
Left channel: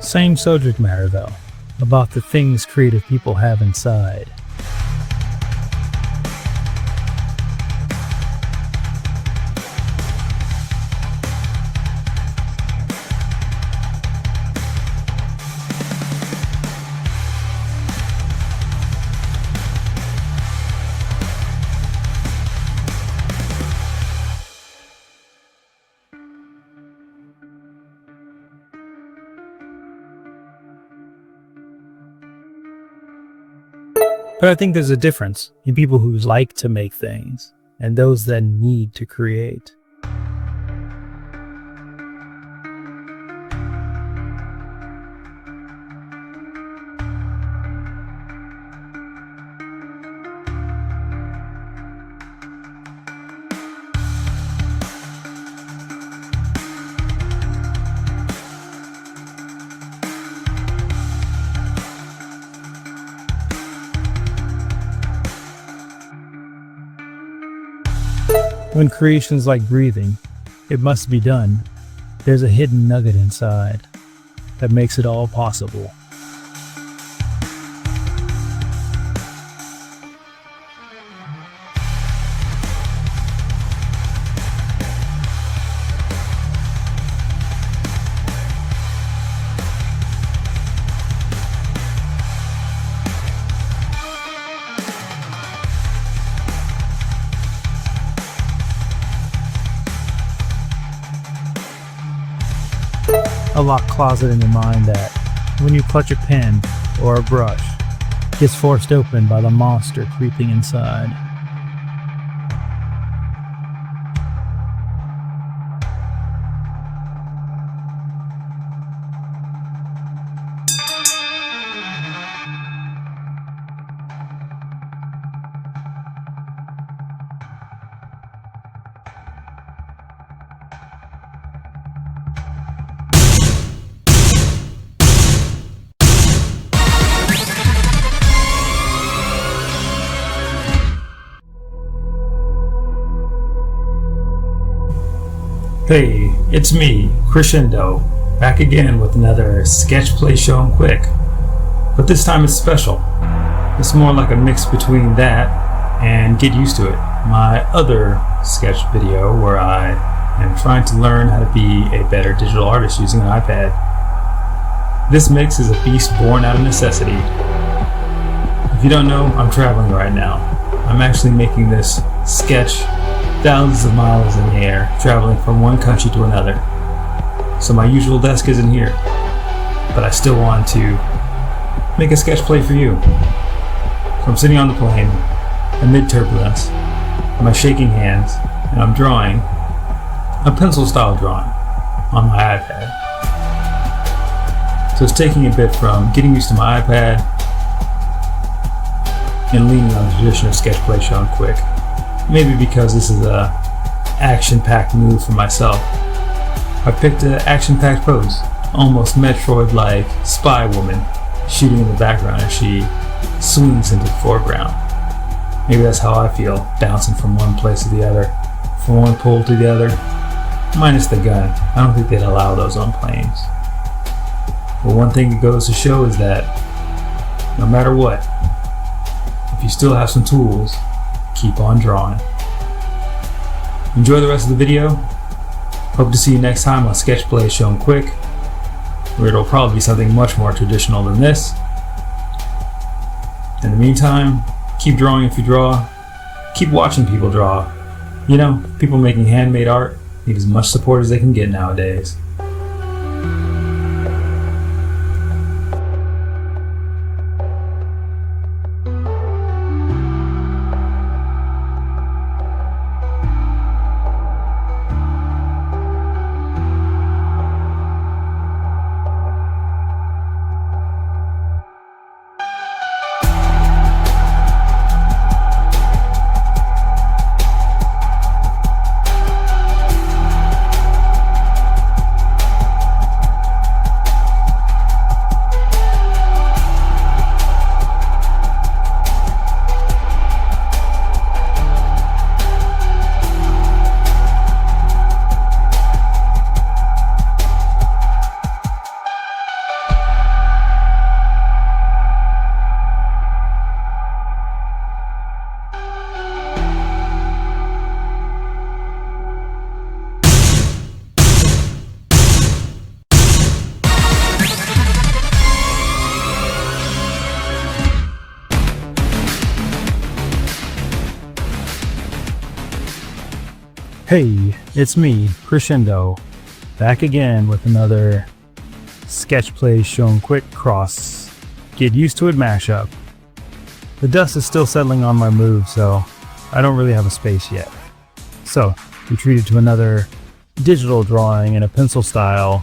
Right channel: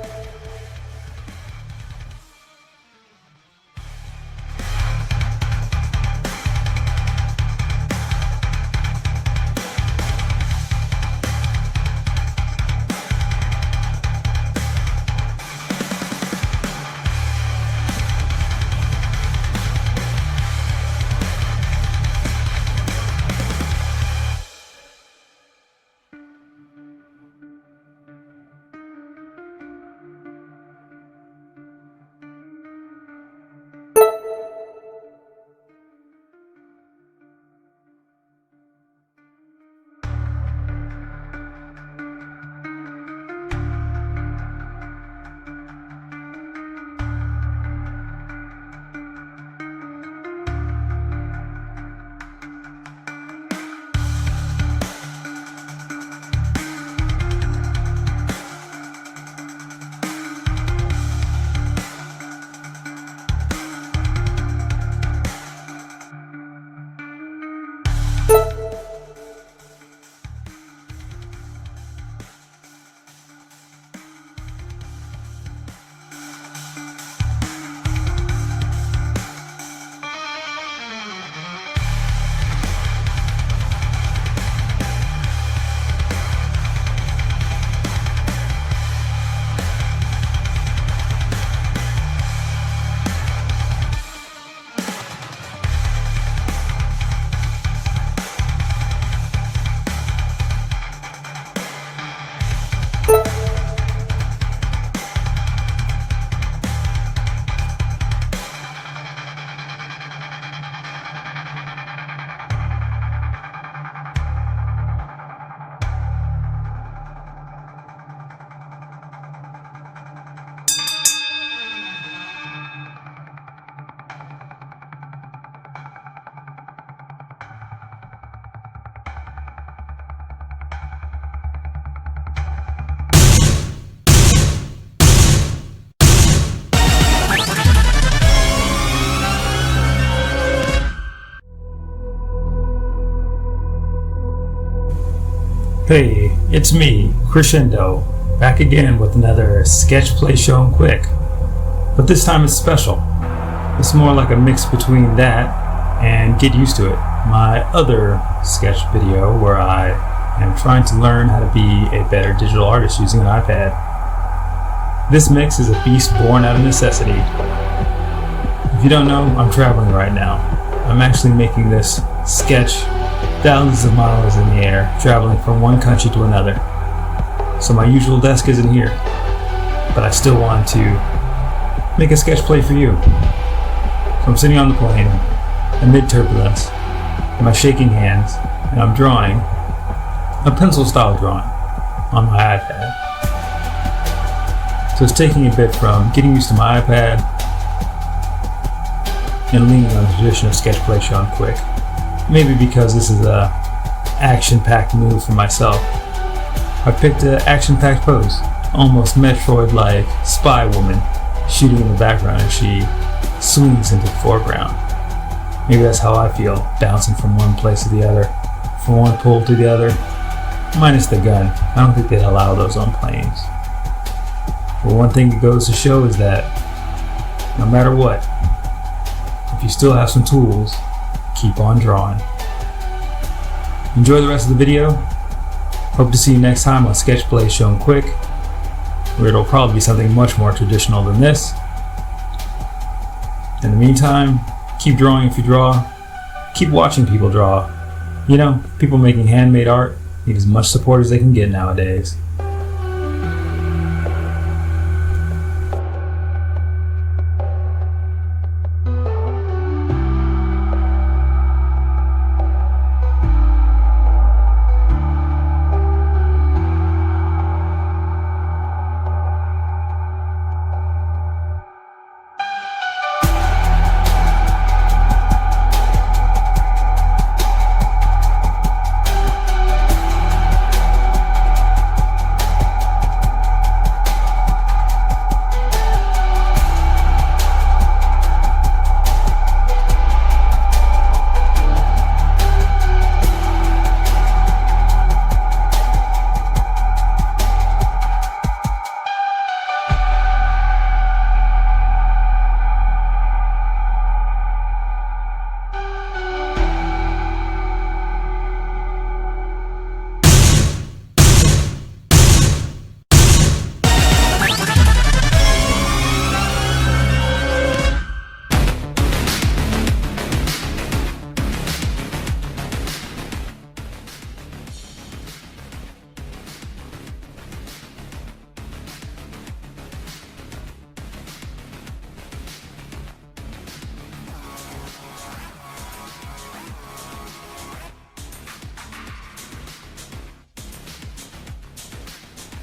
Same subject matter though, about the things creative people have inside. But I think there's a difference in people who like to make things and those that need to create. When creation's like breathing, it must be done. There's a hidden nugget inside that makes it all possible. A locked closet in your mind that, when you clutch a pen or a brush, gets forced open by the monster creeping inside. Hey, it's me, Crescendo, back again with another sketch play shown quick. But this time it's special. It's more like a mix between that and Get Used to It, my other sketch video where I am trying to learn how to be a better digital artist using an iPad. This mix is a beast born out of necessity. If you don't know, I'm traveling right now. I'm actually making this sketch thousands of miles in the air, traveling from one country to another. So my usual desk isn't here, but I still wanted to make a sketch play for you. So I'm sitting on the plane, amid turbulence, my shaking hands, and I'm drawing a pencil style drawing on my iPad. So it's taking a bit from getting used to my iPad and leaning on the tradition of sketch play shown quick. Maybe because this is a action-packed move for myself. I picked an action-packed pose, almost Metroid-like spy woman shooting in the background as she swings into the foreground. Maybe that's how I feel, bouncing from one place to the other, from one pole to the other, minus the gun. I don't think they'd allow those on planes. But one thing it goes to show is that no matter what, if you still have some tools, keep on drawing. Enjoy the rest of the video. Hope to see you next time on Sketch Play Shown Quick, where it'll probably be something much more traditional than this. In the meantime, keep drawing if you draw. Keep watching people draw. You know, people making handmade art need as much support as they can get nowadays. Hey, it's me, Crescendo, back again with another sketch play shown quick cross Get Used to It mashup. The dust is still settling on my move, so I don't really have a space yet. So we treated to another digital drawing in a pencil style,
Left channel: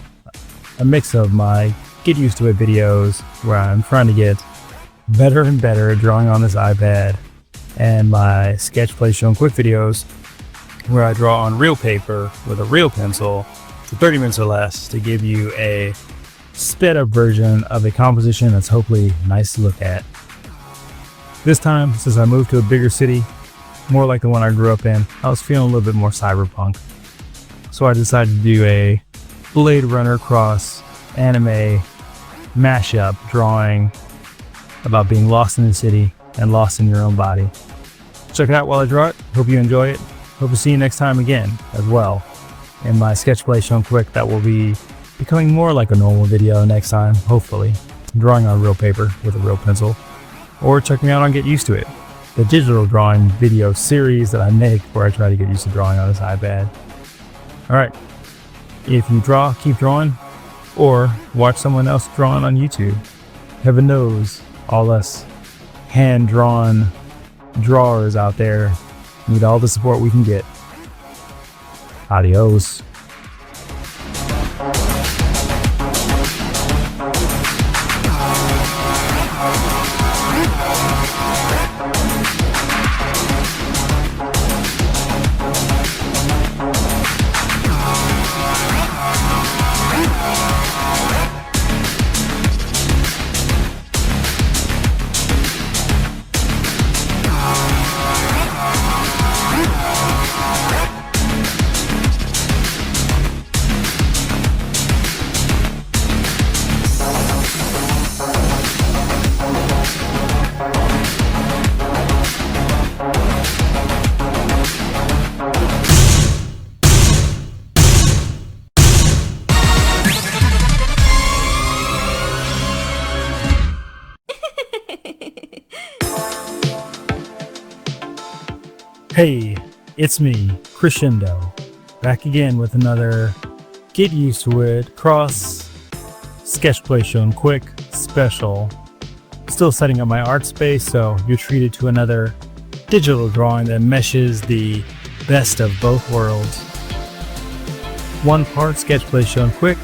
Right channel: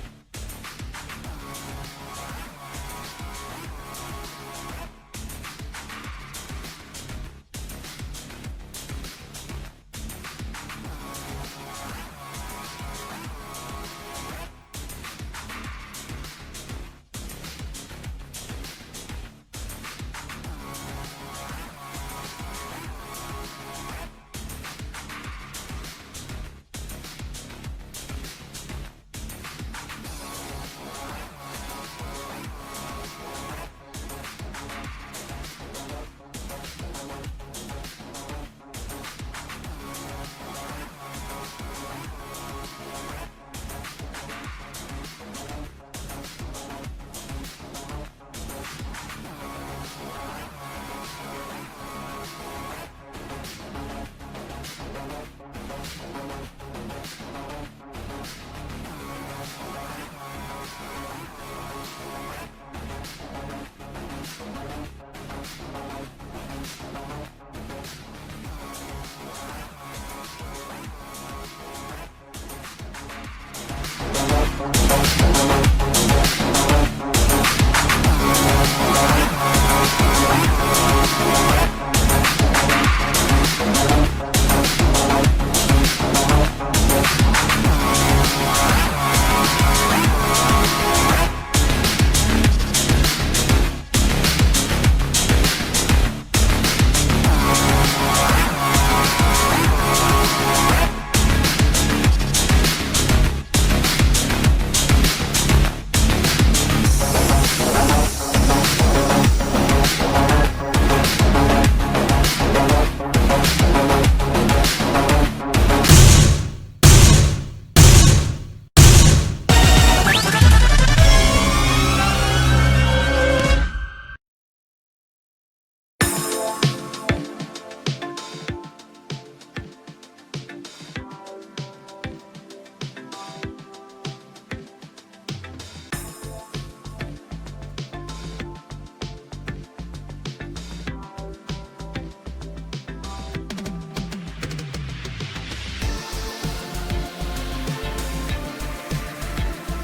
a mix of my get used to it videos where I'm trying to get better and better at drawing on this iPad, and my sketch play shown quick videos where I draw on real paper with a real pencil for 30 minutes or less to give you a sped up version of a composition that's hopefully nice to look at. This time, since I moved to a bigger city, more like the one I grew up in, I was feeling a little bit more cyberpunk. So I decided to do a Blade Runner cross anime mashup drawing about being lost in the city and lost in your own body. Check it out while I draw it. Hope you enjoy it. Hope to see you next time again as well in my sketch play shown quick that will be becoming more like a normal video next time, hopefully. Drawing on real paper with a real pencil. Or check me out on Get Used to It, the digital drawing video series that I make where I try to get used to drawing on this iPad. Alright, if you draw, keep drawing, or watch someone else drawing on YouTube. Heaven knows, all us hand-drawn drawers out there need all the support we can get. Adios. Hey, it's me, Crescendo, back again with another Get Used to It cross sketch play shown quick special. Still setting up my art space, so you're treated to another digital drawing that meshes the best of both worlds. One part sketch play shown quick,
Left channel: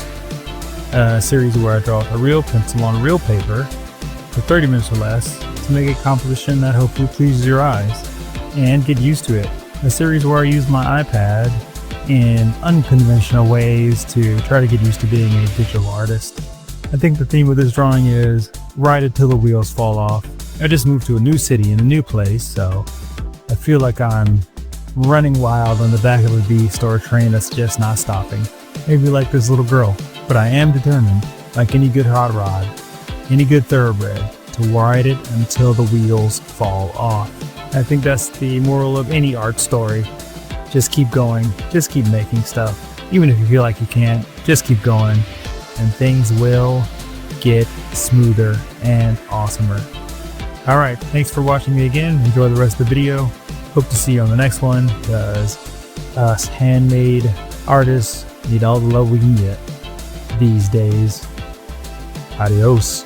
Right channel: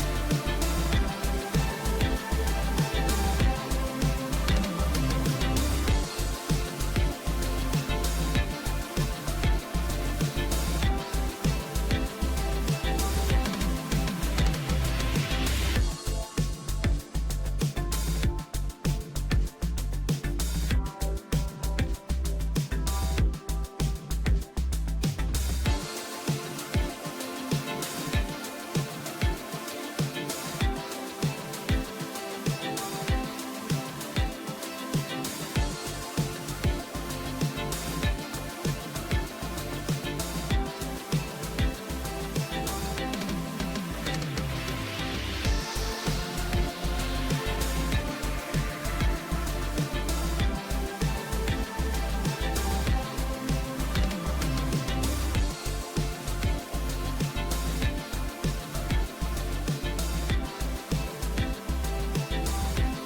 a series where I draw a real pencil on real paper for 30 minutes or less to make a composition that hopefully pleases your eyes. And Get Used to It, a series where I use my iPad in unconventional ways to try to get used to being a digital artist. I think the theme of this drawing is ride it till the wheels fall off. I just moved to a new city in a new place, so I feel like I'm running wild on the back of a beast or a train that's just not stopping. Maybe like this little girl, but I am determined, like any good hot rod, any good thoroughbred, to ride it until the wheels fall off. I think that's the moral of any art story. Just keep going, just keep making stuff. Even if you feel like you can't, just keep going, and things will get smoother and awesomer. Alright, thanks for watching me again. Enjoy the rest of the video. Hope to see you on the next one, because us handmade artists need all the love we can get these days. Adios.